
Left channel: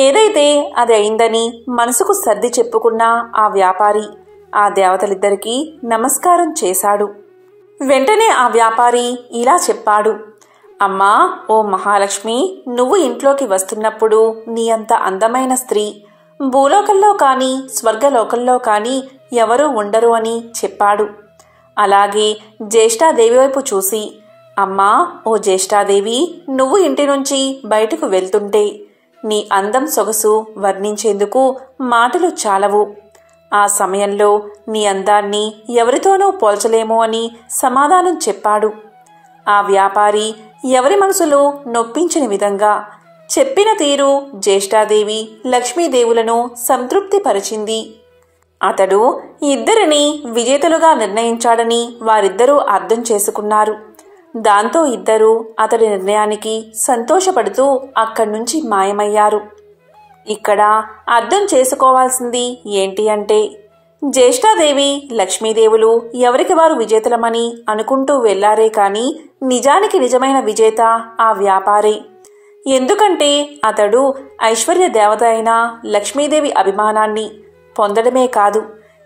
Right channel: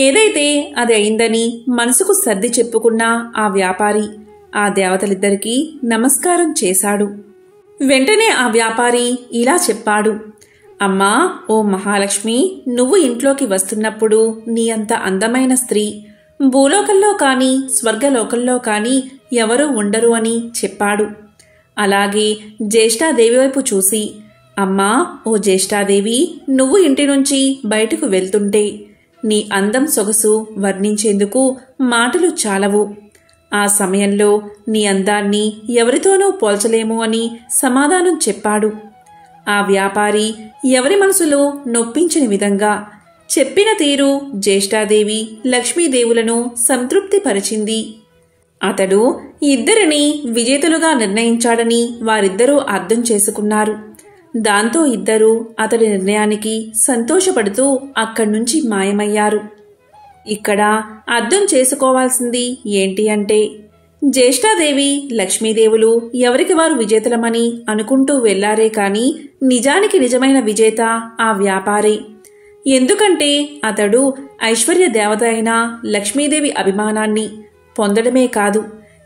ఏదైతే అది అయిందని మనసుకు సర్ది చెప్పుకున్న ఆ వ్యాపారి ఆ దేవతలిద్దరికీ నమస్కారం చేశాడు. వెంటనే ఆ వ్యాపారి ఇలా చెప్పాడు. అమ్మా, ఓ మహాలక్ష్మి, నువ్వు ఇంట్లోకి వస్తున్నప్పుడు నీ అంత అందమైన స్త్రీ భూలోకంలో కానీ స్వర్గలోకంలో కానీ ఎవరూ ఉండరు అని చెప్పాడు. అలాగే జ్యేష్ఠాదేవి వైపు చూసి, అమ్మా, ఓ జ్యేష్ఠాదేవి, నువ్వు ఇంటి నుంచి బయటకు వెళ్తుంటే నీ అందం సొగసు వర్ణించేందుకు మాటలు చాలవు. ఆ సమయంలో నీ అందాన్ని ఎవరితోనూ పోల్చలేమో అని సమాధానం చెప్పాడు. ఆ వ్యాపారి ఎవరి మనసులో నొప్పించని విధంగా చెప్పిన తీరు జ్యేష్ఠాదేవి లక్ష్మీదేవులను సంతృప్తిపరిచింది. అతడు ఇద్దరిని విజేతలుగా నిర్ణయించాడని వారిద్దరూ అర్థం చేసుకున్నారు. దాంతో ఇద్దరూ అతడి నిర్ణయానికి సంతోషపడుతూ అక్కడి నుంచి మాయమయ్యారు. ఇక్కడ అర్థం చేసుకోవాల్సింది ఏంటి అంటే, జ్యేష్ఠాదేవి లక్ష్మీదేవులు ఎవరికి వారు విజేతలమని అనుకుంటూ వెళ్లారే కాని నిజానికి నిజమైన విజేత ఆ వ్యాపారే. ఎందుకంటే అతడు ఐశ్వర్య దేవత అయిన లక్ష్మీదేవి అభిమానాన్ని పొందడమే కాదు,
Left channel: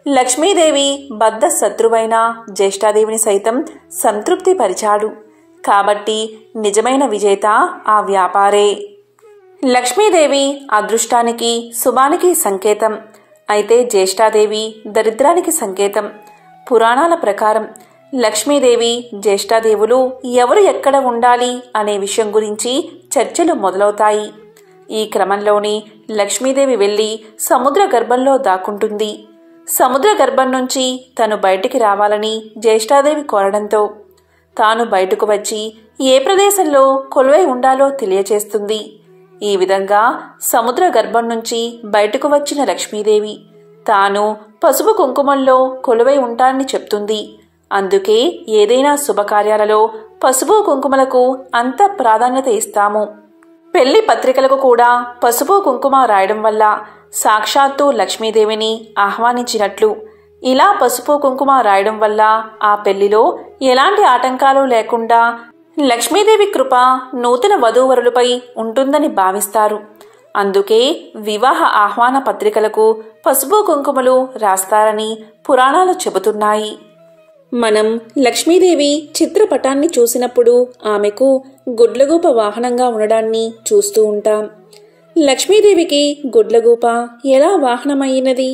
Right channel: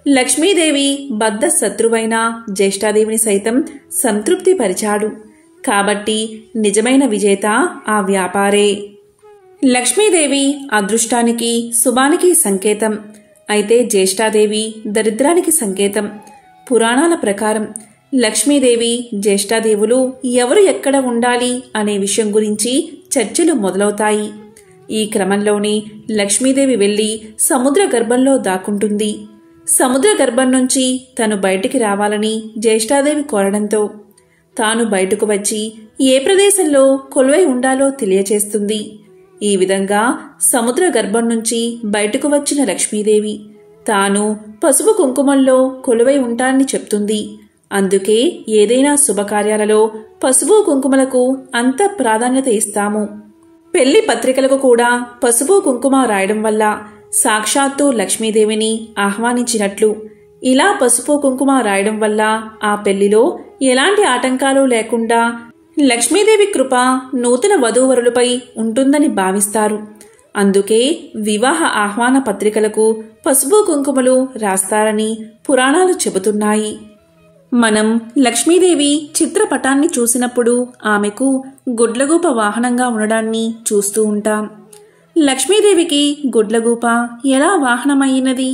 లక్ష్మీదేవి బద్ధ శత్రువైన జ్యేష్ఠాదేవిని సైతం సంతృప్తిపరిచాడు. కాబట్టి నిజమైన విజేత ఆ వ్యాపారే. లక్ష్మీదేవి అదృష్టానికి శుభానికి సంకేతం, అయితే జ్యేష్ఠాదేవి దరిద్రానికి సంకేతం. పురాణాల ప్రకారం లక్ష్మీదేవి జ్యేష్ఠాదేవులు ఎవరు ఎక్కడ ఉండాలి అనే విషయం గురించి చర్చలు మొదలవుతాయి. ఈ క్రమంలోనే లక్ష్మీదేవి వెళ్లి సముద్ర గర్భంలో దాక్కుంటుంది. సముద్ర గర్భం నుంచి తను బయటికి రావాలని జ్యేష్ఠాదేవి కోరడంతో తాను బయటకు వచ్చి ఏ ప్రదేశంలో కొలువై ఉండాలో తెలియచేస్తుంది. ఈ విధంగా సముద్ర గర్భం నుంచి బయటకు వచ్చిన లక్ష్మీదేవి తాను పసుపు కుంకుమల్లో కొలువై ఉంటానని చెప్తుంది. అందుకే ఏదైనా శుభకార్యాలలో పసుపు కుంకుమలకు అంత ప్రాధాన్యత ఇస్తాము. పెళ్లి పత్రికలకు కూడా పసుపు కుంకుమ రాయడం వల్ల సాక్షాత్తు లక్ష్మీదేవిని ఆహ్వానించినట్లు. ఇలా పసుపు కుంకుమ రాయడం వల్ల ఆ పెళ్లిలో ఎలాంటి ఆటంకాలు లేకుండా లక్ష్మీదేవి కృప నూతన వధూవరులపై ఉంటుందని భావిస్తారు. అందుకే వివాహ ఆహ్వాన పత్రికలకు పసుపు కుంకుమలు రాస్తారని పురాణాలు చెబుతున్నాయి. మనం లక్ష్మీదేవి చిత్రపటాన్ని చూసినప్పుడు ఆమెకు గుడ్లగూప వాహనంగా ఉండడాన్ని చూస్తూ ఉంటాం. లక్ష్మీదేవికి గుడ్లగూప ఎలా వాహనమైనది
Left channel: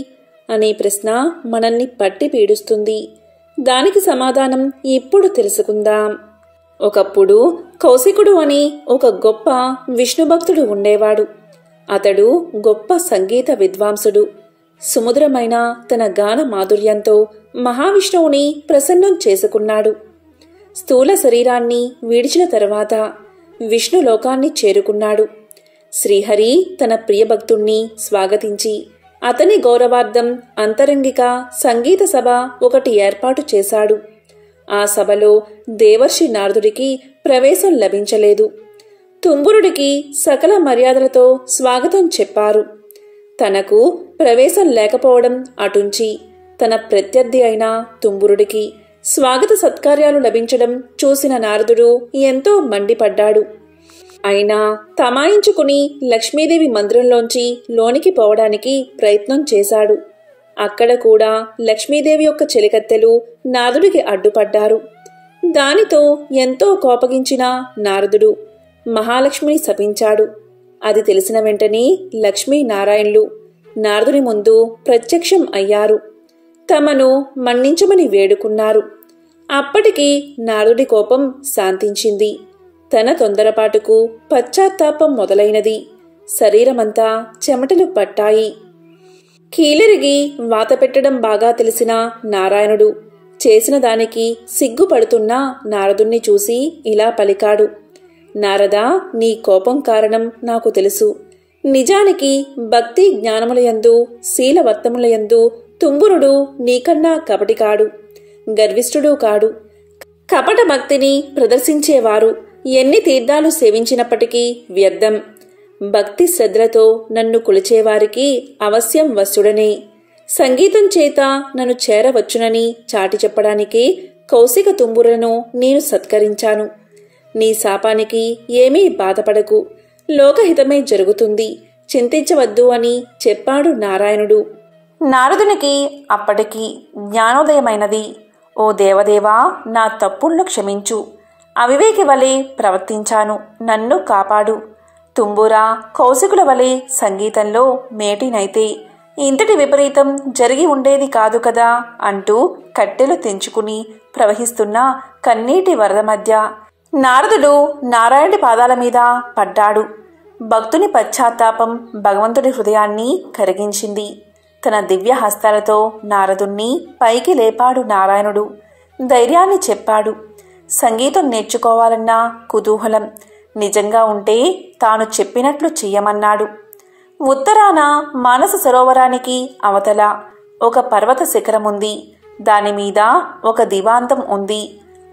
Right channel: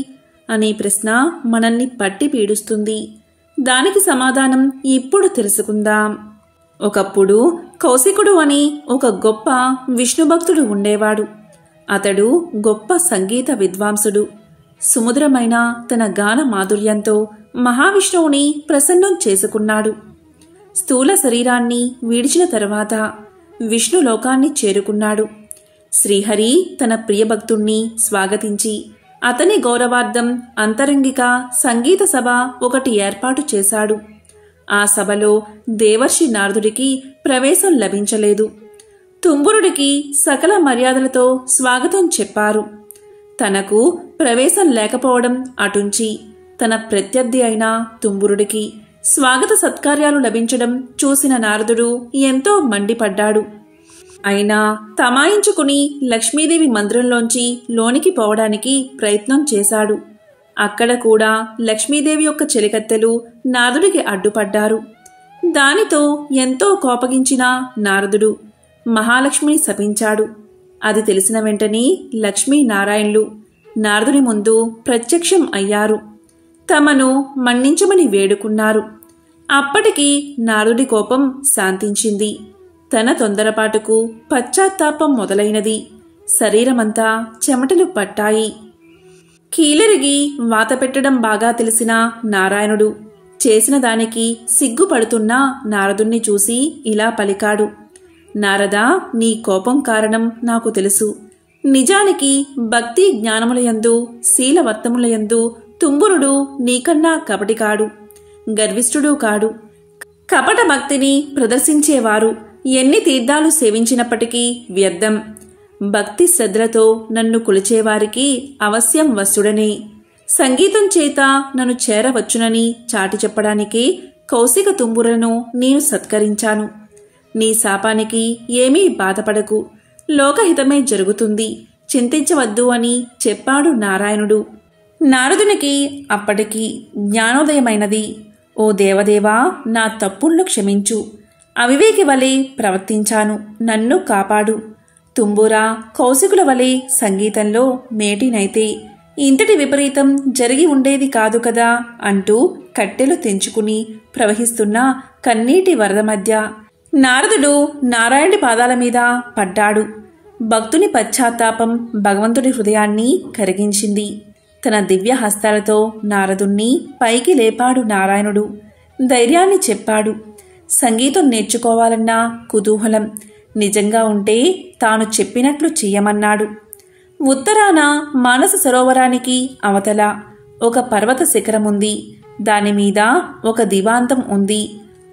అనే ప్రశ్న మనల్ని పట్టి పీడుస్తుంది. దానికి సమాధానం ఇప్పుడు తెలుసుకుందాం. ఒకప్పుడు కౌశికుడు అని ఒక గొప్ప విష్ణుభక్తుడు ఉండేవాడు. అతడు గొప్ప సంగీత విద్వాంసుడు. సుమధురమైన తన గాన మాధుర్యంతో మహావిష్ణువుని ప్రసన్నం చేసుకున్నాడు. స్థూల శరీరాన్ని విడిచిన తర్వాత విష్ణు లోకాన్ని చేరుకున్నాడు. శ్రీహరి తన ప్రియభక్తుణ్ణి స్వాగతించి అతని గౌరవార్థం అంతరంగిక సంగీత సభ ఒకటి ఏర్పాటు చేశాడు. ఆ సభలో దేవర్షి నారదుడికి ప్రవేశం లభించలేదు. తుంబురుడికి సకల మర్యాదలతో స్వాగతం చెప్పారు. తనకు ప్రవేశం లేకపోవడం అటుంచి తన ప్రత్యర్థి అయిన తుంబురుడికి స్వాగత సత్కార్యాలు లభించడం చూసిన నారదుడు ఎంతో మండిపడ్డాడు. అయినా తమాయించుకుని లక్ష్మీదేవి మందిరంలోంచి లోనికి పోవడానికి ప్రయత్నం చేశాడు. అక్కడ కూడా లక్ష్మీదేవి యొక్క చెలికత్తెలు నారదుడికి అడ్డుపడ్డారు. దానితో ఎంతో కోపగించిన నారదుడు మహాలక్ష్మిని శపించాడు. అది తెలిసిన వెంటనే లక్ష్మీనారాయణులు నారదుని ముందు ప్రత్యక్షం అయ్యారు. తమను మన్నించమని వేడుకున్నారు. అప్పటికి నారదుడి కోపం శాంతించింది. తన తొందరపాటుకు పశ్చాత్తాపం మొదలైనది. శరీరమంతా చెమటలు పట్టాయి. కీలరిగి వాత పెట్టడం బాగా తెలిసిన నారాయణుడు చేసిన దానికి సిగ్గుపడుతున్న నారదుణ్ణి చూసి ఇలా పలికాడు. నారదా, నీ కోపం కారణం నాకు తెలుసు. నిజానికి భక్తి జ్ఞానములయందు శీలవర్తములయందు తుంబురుడు నీకన్నా కపటి కాడు, గర్విష్ఠుడు కాడు. కపట భక్తిని ప్రదర్శించేవారు ఎన్ని తీర్థాలు సేవించినప్పటికీ వ్యర్థం. భక్తి శ్రద్ధలతో నన్ను కొలిచేవారికి అవశ్యం వశుడనే. సంగీతం చేత నన్ను చేరవచ్చునని చాటి చెప్పడానికే కౌశిక తుంబురులను నేను సత్కరించాను. నీ శాపానికి ఏమీ బాధపడకు, లోకహితమే జరుగుతుంది, చింతించవద్దు అని చెప్పాడు నారాయణుడు. నారదునికి అప్పటికి జ్ఞానోదయమైనది. ఓ దేవదేవా, నా తప్పులను క్షమించు. అవివేకి వలె ప్రవర్తించాను, నన్ను కాపాడు. తుంబురా, కౌశికుల వలె సంగీతంలో మేటినైతే ఇంతటి విపరీతం జరిగి ఉండేది కాదు కదా అంటూ కట్టెలు తెంచుకుని ప్రవహిస్తున్న కన్నీటి వరద మధ్య నారదుడు నారాయణుడి పాదాల మీద పడ్డాడు. భక్తుని పశ్చాత్తాపం భగవంతుడి హృదయాన్ని కరిగించింది. తన దివ్య హస్తాలతో నారదుణ్ణి పైకి లేపాడు నారాయణుడు. ధైర్యాన్ని చెప్పాడు. సంగీతం నేర్చుకోవాలన్న కుతూహలం నిజంగా ఉంటే తాను చెప్పినట్లు చెయ్యమన్నాడు. ఉత్తరాన మానస సరోవరానికి అవతల ఒక పర్వత శిఖరముంది. దానిమీద ఒక దివాంతం ఉంది.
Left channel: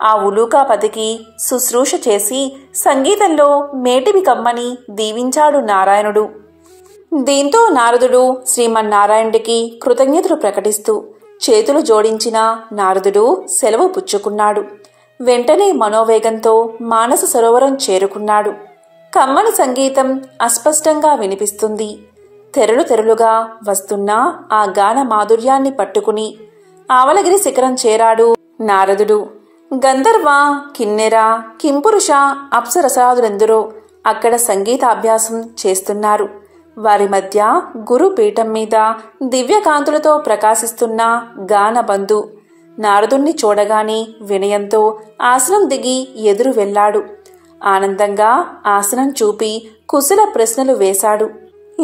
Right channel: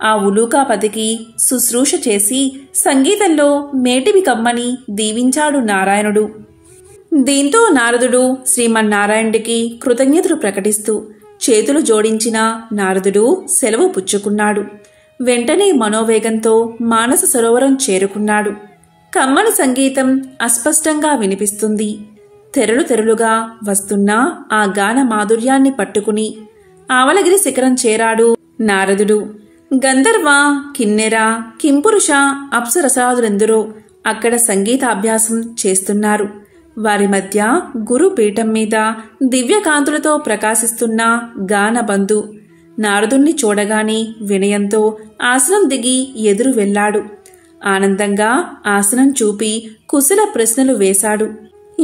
ఆ ఉలూకాపతికి శుశ్రూష చేసి సంగీతంలో మేటివి కమ్మని దీవించాడు నారాయణుడు. దీంతో నారదుడు శ్రీమన్నారాయణుడికి కృతజ్ఞతలు ప్రకటిస్తూ చేతులు జోడించిన నారదుడు సెలవు పుచ్చుకున్నాడు. వెంటనే మనోవేగంతో మానస సరోవరం చేరుకున్నాడు. కమ్మని సంగీతం అస్పష్టంగా వినిపిస్తుంది. తెరలు తెరలుగా వస్తున్న ఆ గాన మాధుర్యాన్ని పట్టుకుని ఆవలగిరి శిఖరం చేరాడు నారదుడు. గంధర్వ, కిన్నెర, కింపురుష, అప్సరసాదులెందరో అక్కడ సంగీతాభ్యాసం చేస్తున్నారు. వారి మధ్య గురు పీఠం మీద దివ్యకాంతులతో ప్రకాశిస్తున్న గానబంధు నారదుణ్ణి చూడగానే వినయంతో ఆసనం దిగి ఎదురు వెళ్లాడు. ఆనందంగా ఆసనం చూపి కుశల ప్రశ్నలు వేశాడు.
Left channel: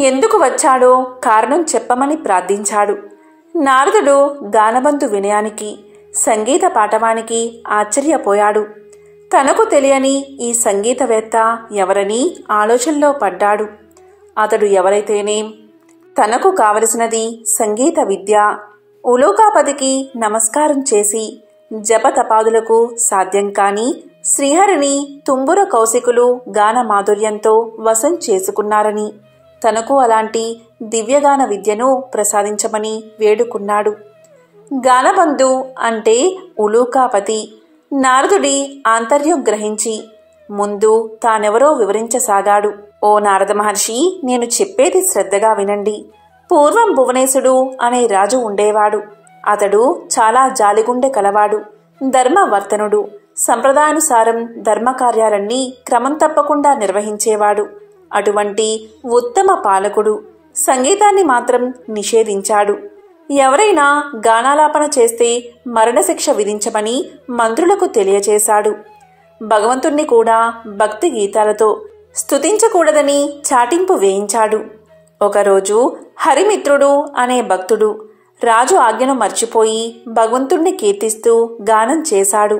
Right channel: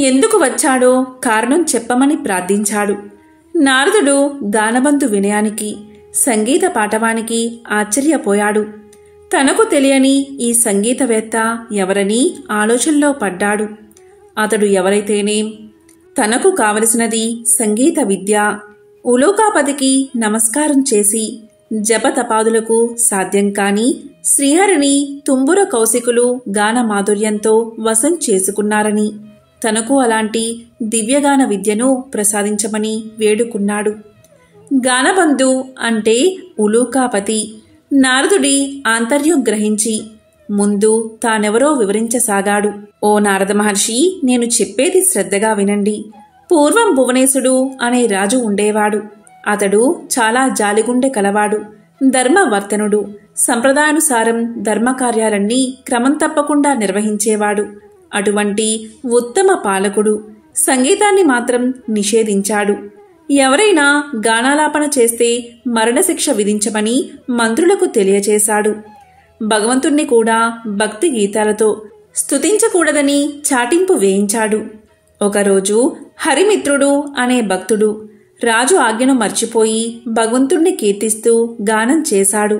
ఎందుకు వచ్చాడో కారణం చెప్పమని ప్రార్థించాడు. నారదుడు గానబంధు వినయానికి, సంగీత పాఠవానికి ఆశ్చర్యపోయాడు. తనకు తెలియని ఈ సంగీతవేత్త ఎవరని ఆలోచనలో పడ్డాడు. అతడు ఎవరైతేనేం, తనకు కావలసినది సంగీత విద్య. ఉలూకాపతికి నమస్కారం చేసి జపతపాదులకు సాధ్యం కాని శ్రీహరిని తుంబుర కౌశికులు గాన మాధుర్యంతో వశం చేసుకున్నారని, తనకు అలాంటి దివ్యగాన విద్యను ప్రసాదించమని వేడుకున్నాడు. గానబంధు అంటే ఉలూకాపతి. నారదుడి ఆంతర్యం గ్రహించి ముందు తానెవరో వివరించసాగాడు. ఓ నారద మహర్షి, నేను చెప్పేది శ్రద్ధగా వినండి. పూర్వం భువనేశుడు అనే రాజు ఉండేవాడు. అతడు చాలా జాలిగుండె కలవాడు, ధర్మవర్తనుడు. సంప్రదాయానుసారం ధర్మకార్యాలన్నీ క్రమం తప్పకుండా నిర్వహించేవాడు. అటువంటి ఉత్తమ పాలకుడు సంగీతాన్ని మాత్రం నిషేధించాడు. ఎవరైనా గానాలాపన చేస్తే మరణశిక్ష విధించమని మంత్రులకు తెలియచేశాడు. భగవంతుణ్ణి కూడా భక్తి గీతాలతో స్తుతించకూడదని చాటింపు వేయించాడు. ఒకరోజు హరిమిత్రుడు అనే భక్తుడు రాజు ఆజ్ఞను మర్చిపోయి భగవంతుణ్ణి కీర్తిస్తూ గానం చేశాడు.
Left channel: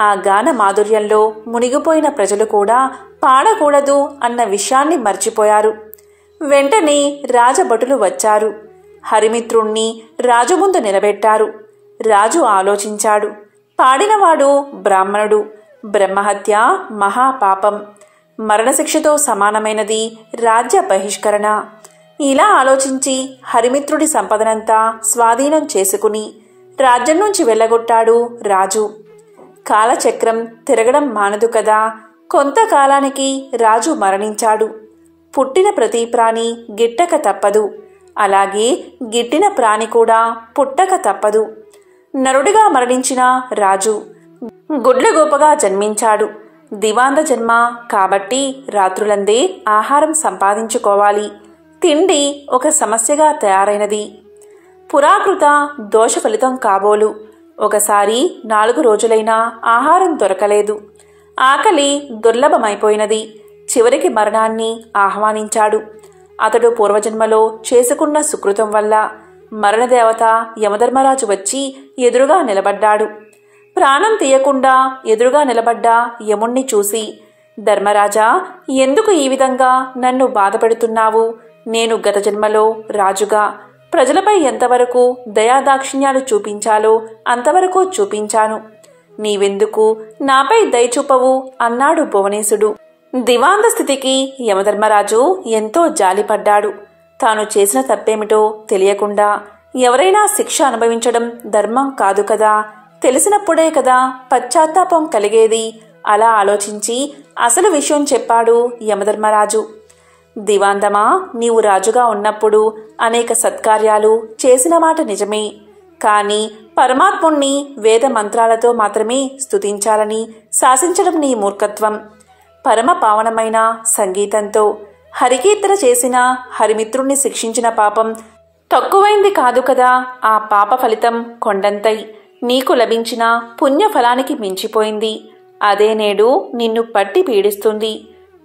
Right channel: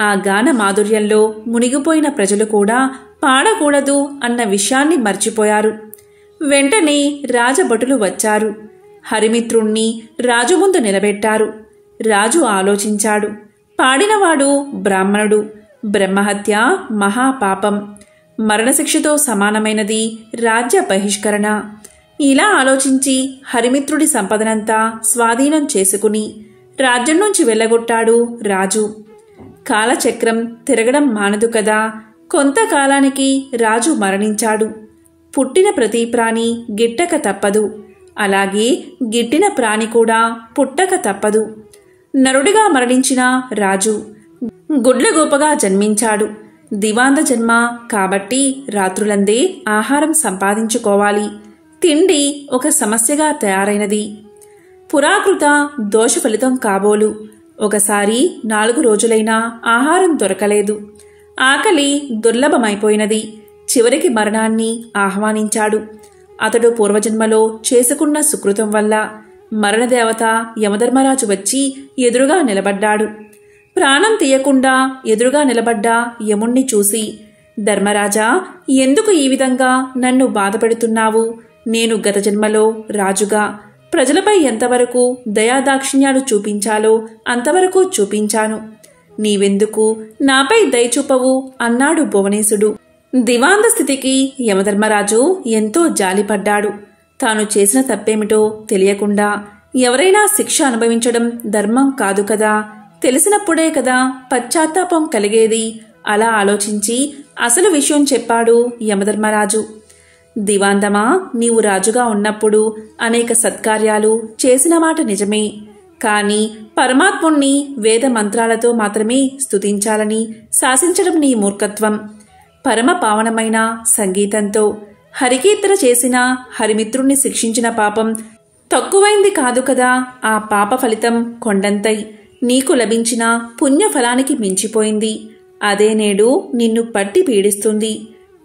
ఆ గాన మాధుర్యంలో మునిగిపోయిన ప్రజలు కూడా పాడకూడదు అన్న విషయాన్ని మర్చిపోయారు. వెంటనే రాజభటులు వచ్చారు. హరిమిత్రుణ్ణి రాజు ముందు నిలబెట్టారు. రాజు ఆలోచించాడు. పాడినవాడు బ్రాహ్మణుడు. బ్రహ్మహత్య మహాపాపం, మరణశిక్షతో సమానమైనది రాజ్య బహిష్కరణ. ఇలా ఆలోచించి హరిమిత్రుడి సంపదనంతా స్వాధీనం చేసుకుని రాజ్యం నుంచి వెళ్ళగొట్టాడు రాజు. కాలచక్రం తిరగడం మానదు కదా. కొంతకాలానికి రాజు మరణించాడు. పుట్టిన ప్రతి ప్రాణి గిట్టక తప్పదు. అలాగే గిట్టిన ప్రాణి కూడా పుట్టక తప్పదు. నరుడిగా మరణించిన రాజు గుడ్లగోపగా జన్మించాడు. దివాంత జన్మ కాబట్టి రాత్రులందే ఆహారం సంపాదించుకోవాలి. తిండి ఒక సమస్యగా తయారైనది. పురాకృత దోష ఫలితం కాబోలు. ఒకసారి 4 రోజులైనా ఆహారం దొరకలేదు. ఆకలి దుర్లభమైపోయినది. చివరికి మరణాన్ని ఆహ్వానించాడు. అతడు పూర్వజన్మలో చేసుకున్న సుకృతం వల్ల మరణదేవత యమధర్మరాజు వచ్చి ఎదురుగా నిలబడ్డాడు. ప్రాణం తీయకుండా ఎదురుగా నిలబడ్డ యముణ్ణి చూసి, ధర్మరాజా, ఎందుకు ఈ విధంగా నన్ను బాధపెడుతున్నావు? నేను గత జన్మలో రాజుగా ప్రజలపై ఎంతవరకు దయాదాక్షిణ్యాలు చూపించాలో అంతవరకు చూపించాను. నీవెందుకు నాపై దయ చూపవు అన్నాడు భువనేశుడు. దివాంత స్థితికి యమధర్మరాజు ఎంతో జాలిపడ్డాడు. తాను చేసిన తప్పేమిటో తెలియకుండా ఎవరైనా శిక్ష అనుభవించడం ధర్మం కాదు కదా. తెలిసినప్పుడే కదా పశ్చాత్తాపం కలిగేది. అలా ఆలోచించి అసలు విషయం చెప్పాడు యమధర్మరాజు. దివాంతమా, నీవు రాజుగా ఉన్నప్పుడు అనేక సత్కార్యాలు చేసిన మాట నిజమే. కాని పరమాత్ముణ్ణి వేద మంత్రాలతో మాత్రమే స్తుతించాలని శాసించడం నీ మూర్ఖత్వం. పరమ పావనమైన సంగీతంతో హరికీర్తన చేసిన హరిమిత్రుణ్ణి శిక్షించిన పాపం తక్కువైంది కాదు కదా. ఆ పాప ఫలితం కొండంతై. నీకు లభించిన పుణ్యఫలానికి మించిపోయింది. అదే నేడు నిన్ను పట్టి పీడిస్తుంది.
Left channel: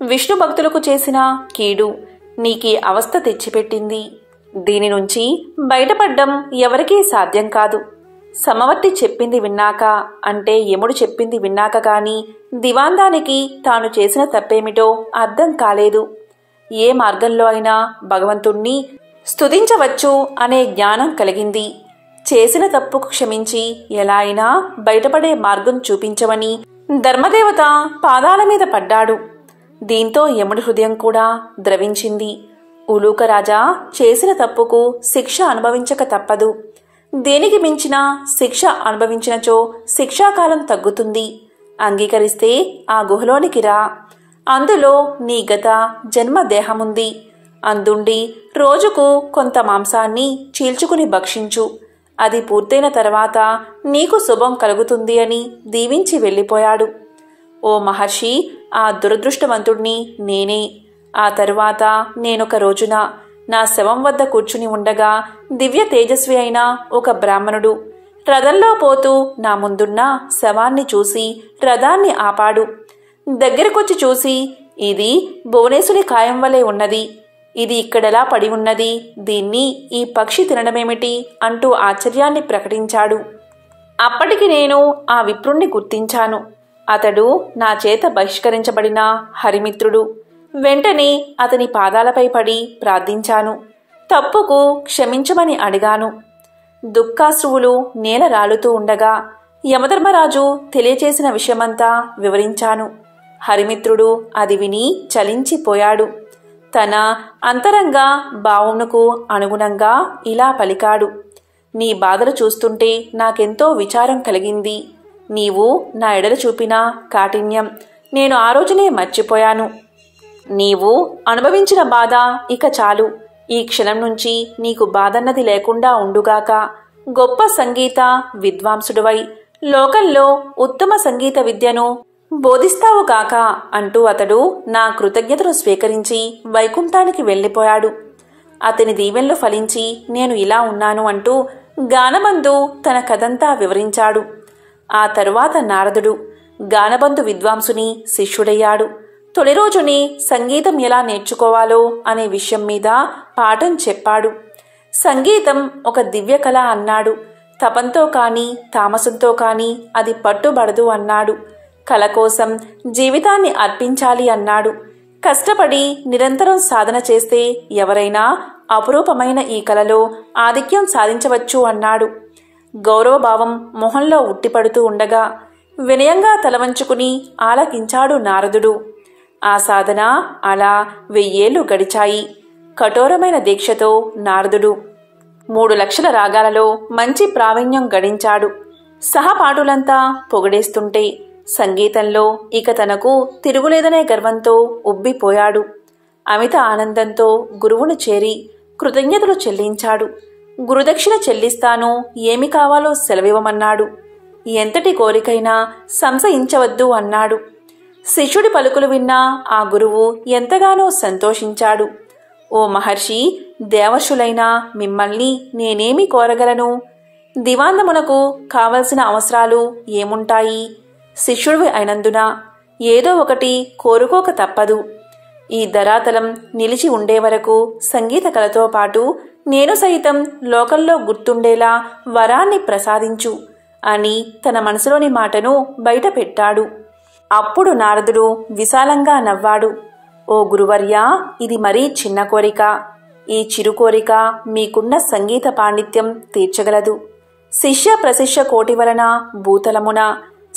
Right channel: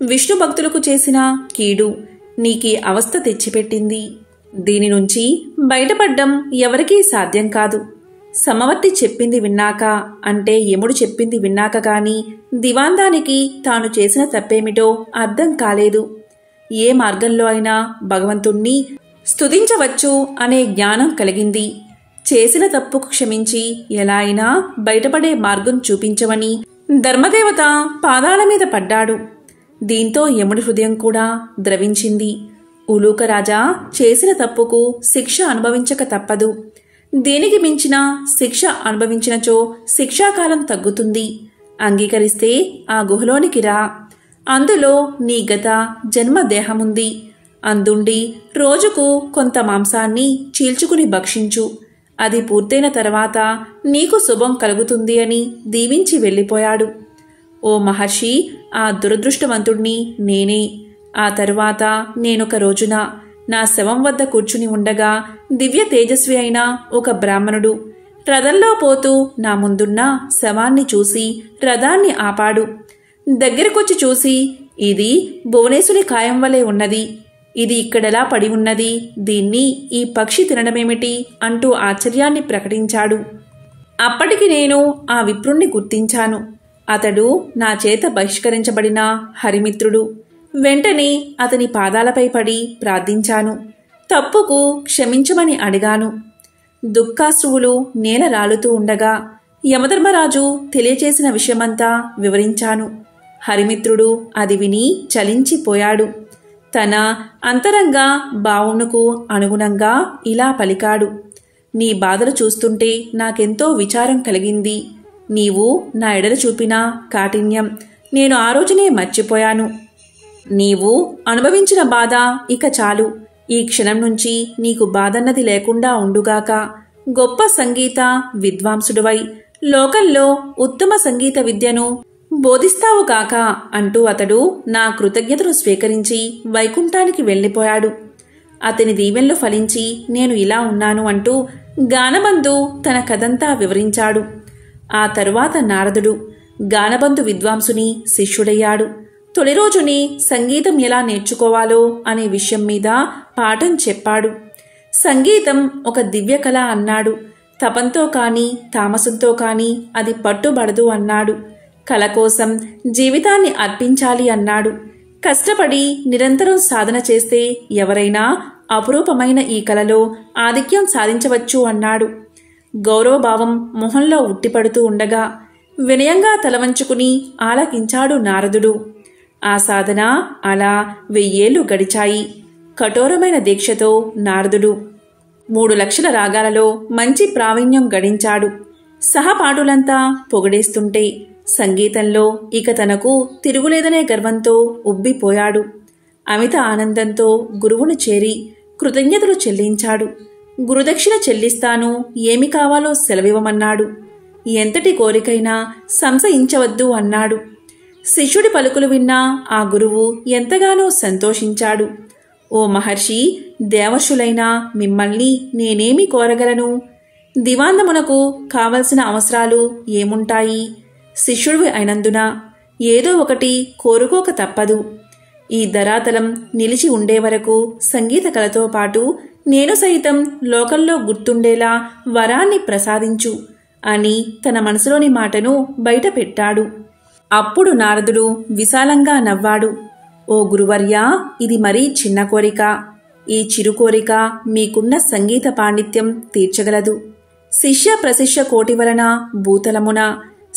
విష్ణు భక్తులకు చేసిన కీడు నీకీ అవస్థ తెచ్చిపెట్టింది. దీని నుంచి బయటపడ్డం ఎవరికీ సాధ్యం కాదు. సమవర్తి చెప్పింది విన్నాక, అంటే యముడు చెప్పింది విన్నాక గాని దివాందానికి తాను చేసిన తప్పేమిటో అర్థం కాలేదు. ఏ మార్గంలో అయినా భగవంతుణ్ణి స్తుతించవచ్చు అనే జ్ఞానం కలిగింది. చేసిన తప్పుకు క్షమించి ఎలా అయినా బయటపడే మార్గం చూపించమని ధర్మదేవత పాదాల మీద పడ్డాడు. దీంతో యముడి హృదయం కూడా ద్రవించింది. ఉలూకరాజా, చేసిన తప్పుకు శిక్ష అనుభవించక తప్పదు. దేనికి మించిన శిక్ష అనుభవించినచో శిక్షాకాలం తగ్గుతుంది. అంగీకరిస్తే ఆ గుహలోనికి రా. అందులో నీ గత జన్మ దేహముంది. అందుండి రోజుకు కొంత మాంసాన్ని చీల్చుకుని భక్షించు. అది పూర్తయిన తర్వాత నీకు శుభం కలుగుతుంది అని దీవించి వెళ్ళిపోయాడు. ఓ మహర్షి, ఆ దురదృష్టవంతుణ్ణి నేనే. ఆ తరువాత నేనొక రోజున నా శవం వద్ద కూర్చుని ఉండగా దివ్య తేజస్వి అయిన ఒక బ్రాహ్మణుడు రథంలో పోతూ నా ముందున్న శవాన్ని చూసి రథాన్ని ఆపాడు. దగ్గరకొచ్చి చూసి, ఇది భువనేశ్వరి కాయం వలె ఉన్నది. ఇది ఇక్కడెలా పడి ఉన్నది? దీన్ని ఈ పక్షి తినడమేమిటి అంటూ ఆశ్చర్యాన్ని ప్రకటించాడు. అప్పటికి నేను ఆ విప్రుణ్ణి గుర్తించాను. అతడు నా చేత బహిష్కరించబడిన హరిమిత్రుడు. వెంటనే అతని పాదాలపై పడి ప్రార్థించాను. తప్పుకు క్షమించమని అడిగాను. దుఃఖాశ్రువులు నేల రాలుతూ ఉండగా యమధర్మరాజు తెలియచేసిన విషయమంతా వివరించాను. హరిమిత్రుడు అది విని చలించిపోయాడు. తన అంతరంగ భావమునకు అనుగుణంగా ఇలా పలికాడు. నీ బాధలు చూస్తుంటే నాకెంతో విచారం కలిగింది. నీవు నా ఎడల చూపిన కాఠిన్యం నేను ఆ రోజునే మర్చిపోయాను. నీవు అనుభవించిన బాధ ఇక చాలు. ఈ క్షణం నుంచి నీకు బాధన్నది లేకుండా ఉండుగాక. గొప్ప సంగీత విద్వాంసుడివై లోకంలో ఉత్తమ సంగీత విద్యను బోధిస్తావు కాక అంటూ అతడు నా కృతజ్ఞతను స్వీకరించి వైకుంఠానికి వెళ్ళిపోయాడు. అతని దీవెనలు ఫలించి నేను ఇలా ఉన్నాను అంటూ గానబంధు తన కథంతా వివరించాడు. ఆ తరువాత నారదుడు గానబంధు విద్వాంసుని శిష్యుడయ్యాడు. తొలి రోజునే సంగీతం ఎలా నేర్చుకోవాలో అనే విషయం మీద పాఠం చెప్పాడు. సంగీతం ఒక దివ్య కళ అన్నాడు. తపంతో కాని తామసంతో కాని అది పట్టుబడదు అన్నాడు. కళ కోసం జీవితాన్ని అర్పించాలి అన్నాడు. కష్టపడి నిరంతరం సాధన చేస్తే ఎవరైనా అపురూపమైన ఈ కళలో ఆధిక్యం సాధించవచ్చు అన్నాడు. గౌరవభావం మొహంలో ఉట్టిపడుతూ ఉండగా వినయంగా తలవంచుకుని ఆలకించాడు నారదుడు. ఆ సాధన అలా 1000 ఏళ్లు గడిచాయి. కఠోరమైన దీక్షతో నారదుడు 3 లక్షల రాగాలలో మంచి ప్రావీణ్యం గడించాడు. సహపాఠులంతా పొగిడేస్తుంటే సంగీతంలో ఇక తనకు తిరుగులేదనే గర్వంతో ఉబ్బిపోయాడు. అమిత ఆనందంతో గురువును చేరి కృతజ్ఞతలు చెల్లించాడు. గురుదక్షిణ చెల్లిస్తాను, ఏమి కావాలో సెలవివ్వమన్నాడు. ఎంతటి కోరికైనా సంశయించవద్దు అన్నాడు. శిష్యుడి పలుకులు విన్న ఆ గురువు ఎంతగానో సంతోషించాడు. ఓ మహర్షి, దేవర్షులైన మిమ్మల్ని నేనేమి కోరగలను? దివాందమునకు కావలసిన అవసరాలు ఏముంటాయి? శిష్యుడివి అయినందున ఏదో ఒకటి కోరుకోక తప్పదు. ఈ ధరాతలం నిలిచి ఉండే వరకు సంగీత కళతో పాటు నేను సైతం లోకంలో గుర్తుండేలా వరాన్ని ప్రసాదించు అని తన మనసులోని మాటను బయట పెట్టాడు. అప్పుడు నారదుడు విశాలంగా నవ్వాడు. ఓ గురువర్యా, ఇది మరీ చిన్న కోరిక. ఈ చిరు కోరిక మీకున్న సంగీత పాండిత్యం తీర్చగలదు. శిష్య ప్రశిష్య కోటి వలన భూతలమున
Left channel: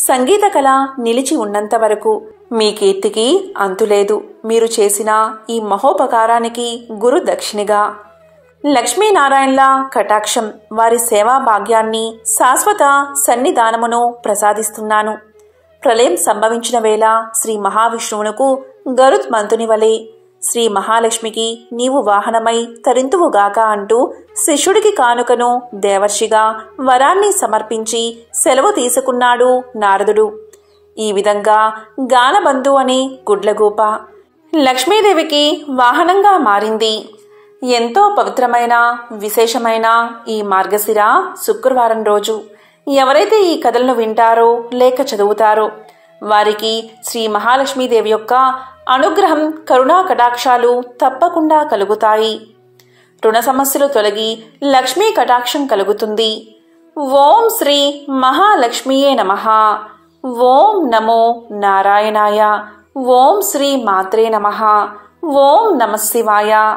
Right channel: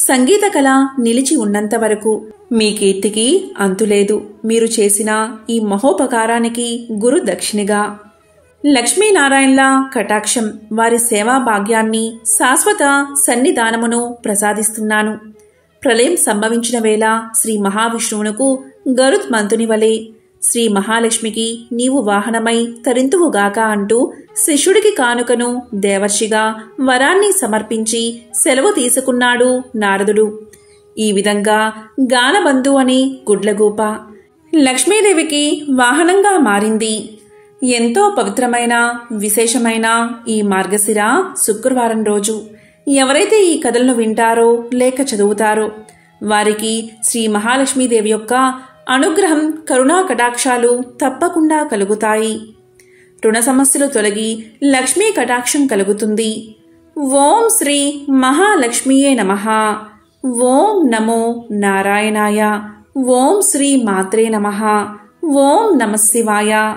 సంగీత కళ నిలిచి ఉన్నంత వరకు మీ కీర్తికి అంతులేదు. మీరు చేసిన ఈ మహోపకారానికి గురు దక్షిణగా లక్ష్మీనారాయణల కటాక్షం, వారి సేవా భాగ్యాన్ని, శాశ్వత సన్నిధానమును ప్రసాదిస్తున్నాను. ప్రళయం సంభవించిన వేళ శ్రీ మహావిష్ణువునకు గరుత్మంతుని వలె శ్రీ మహాలక్ష్మికి నీవు వాహనమై తరింతువుగాక అంటూ శిష్యుడికి కానుకను దేవర్షిగా వరాన్ని సమర్పించి సెలవు తీసుకున్నాడు నారదుడు. ఈ విధంగా గానబంధు అనే గుడ్లగూప లక్ష్మీదేవికి వాహనంగా మారింది. ఎంతో పవిత్రమైన విశేషమైన ఈ మార్గశిర శుక్రవారం రోజు ఎవరైతే ఈ కథలను వింటారో లేక చదువుతారో వారికి శ్రీ మహాలక్ష్మీదేవి యొక్క అనుగ్రహం, కరుణా కటాక్షాలు తప్పకుండా కలుగుతాయి. రుణ సమస్యలు తొలగి లక్ష్మీ కటాక్షం కలుగుతుంది. ఓం శ్రీ మహాలక్ష్మీయే నమః. ఓం నమో నారాయణాయ. ఓం శ్రీ మాత్రే నమః. ఓం నమః శివాయ.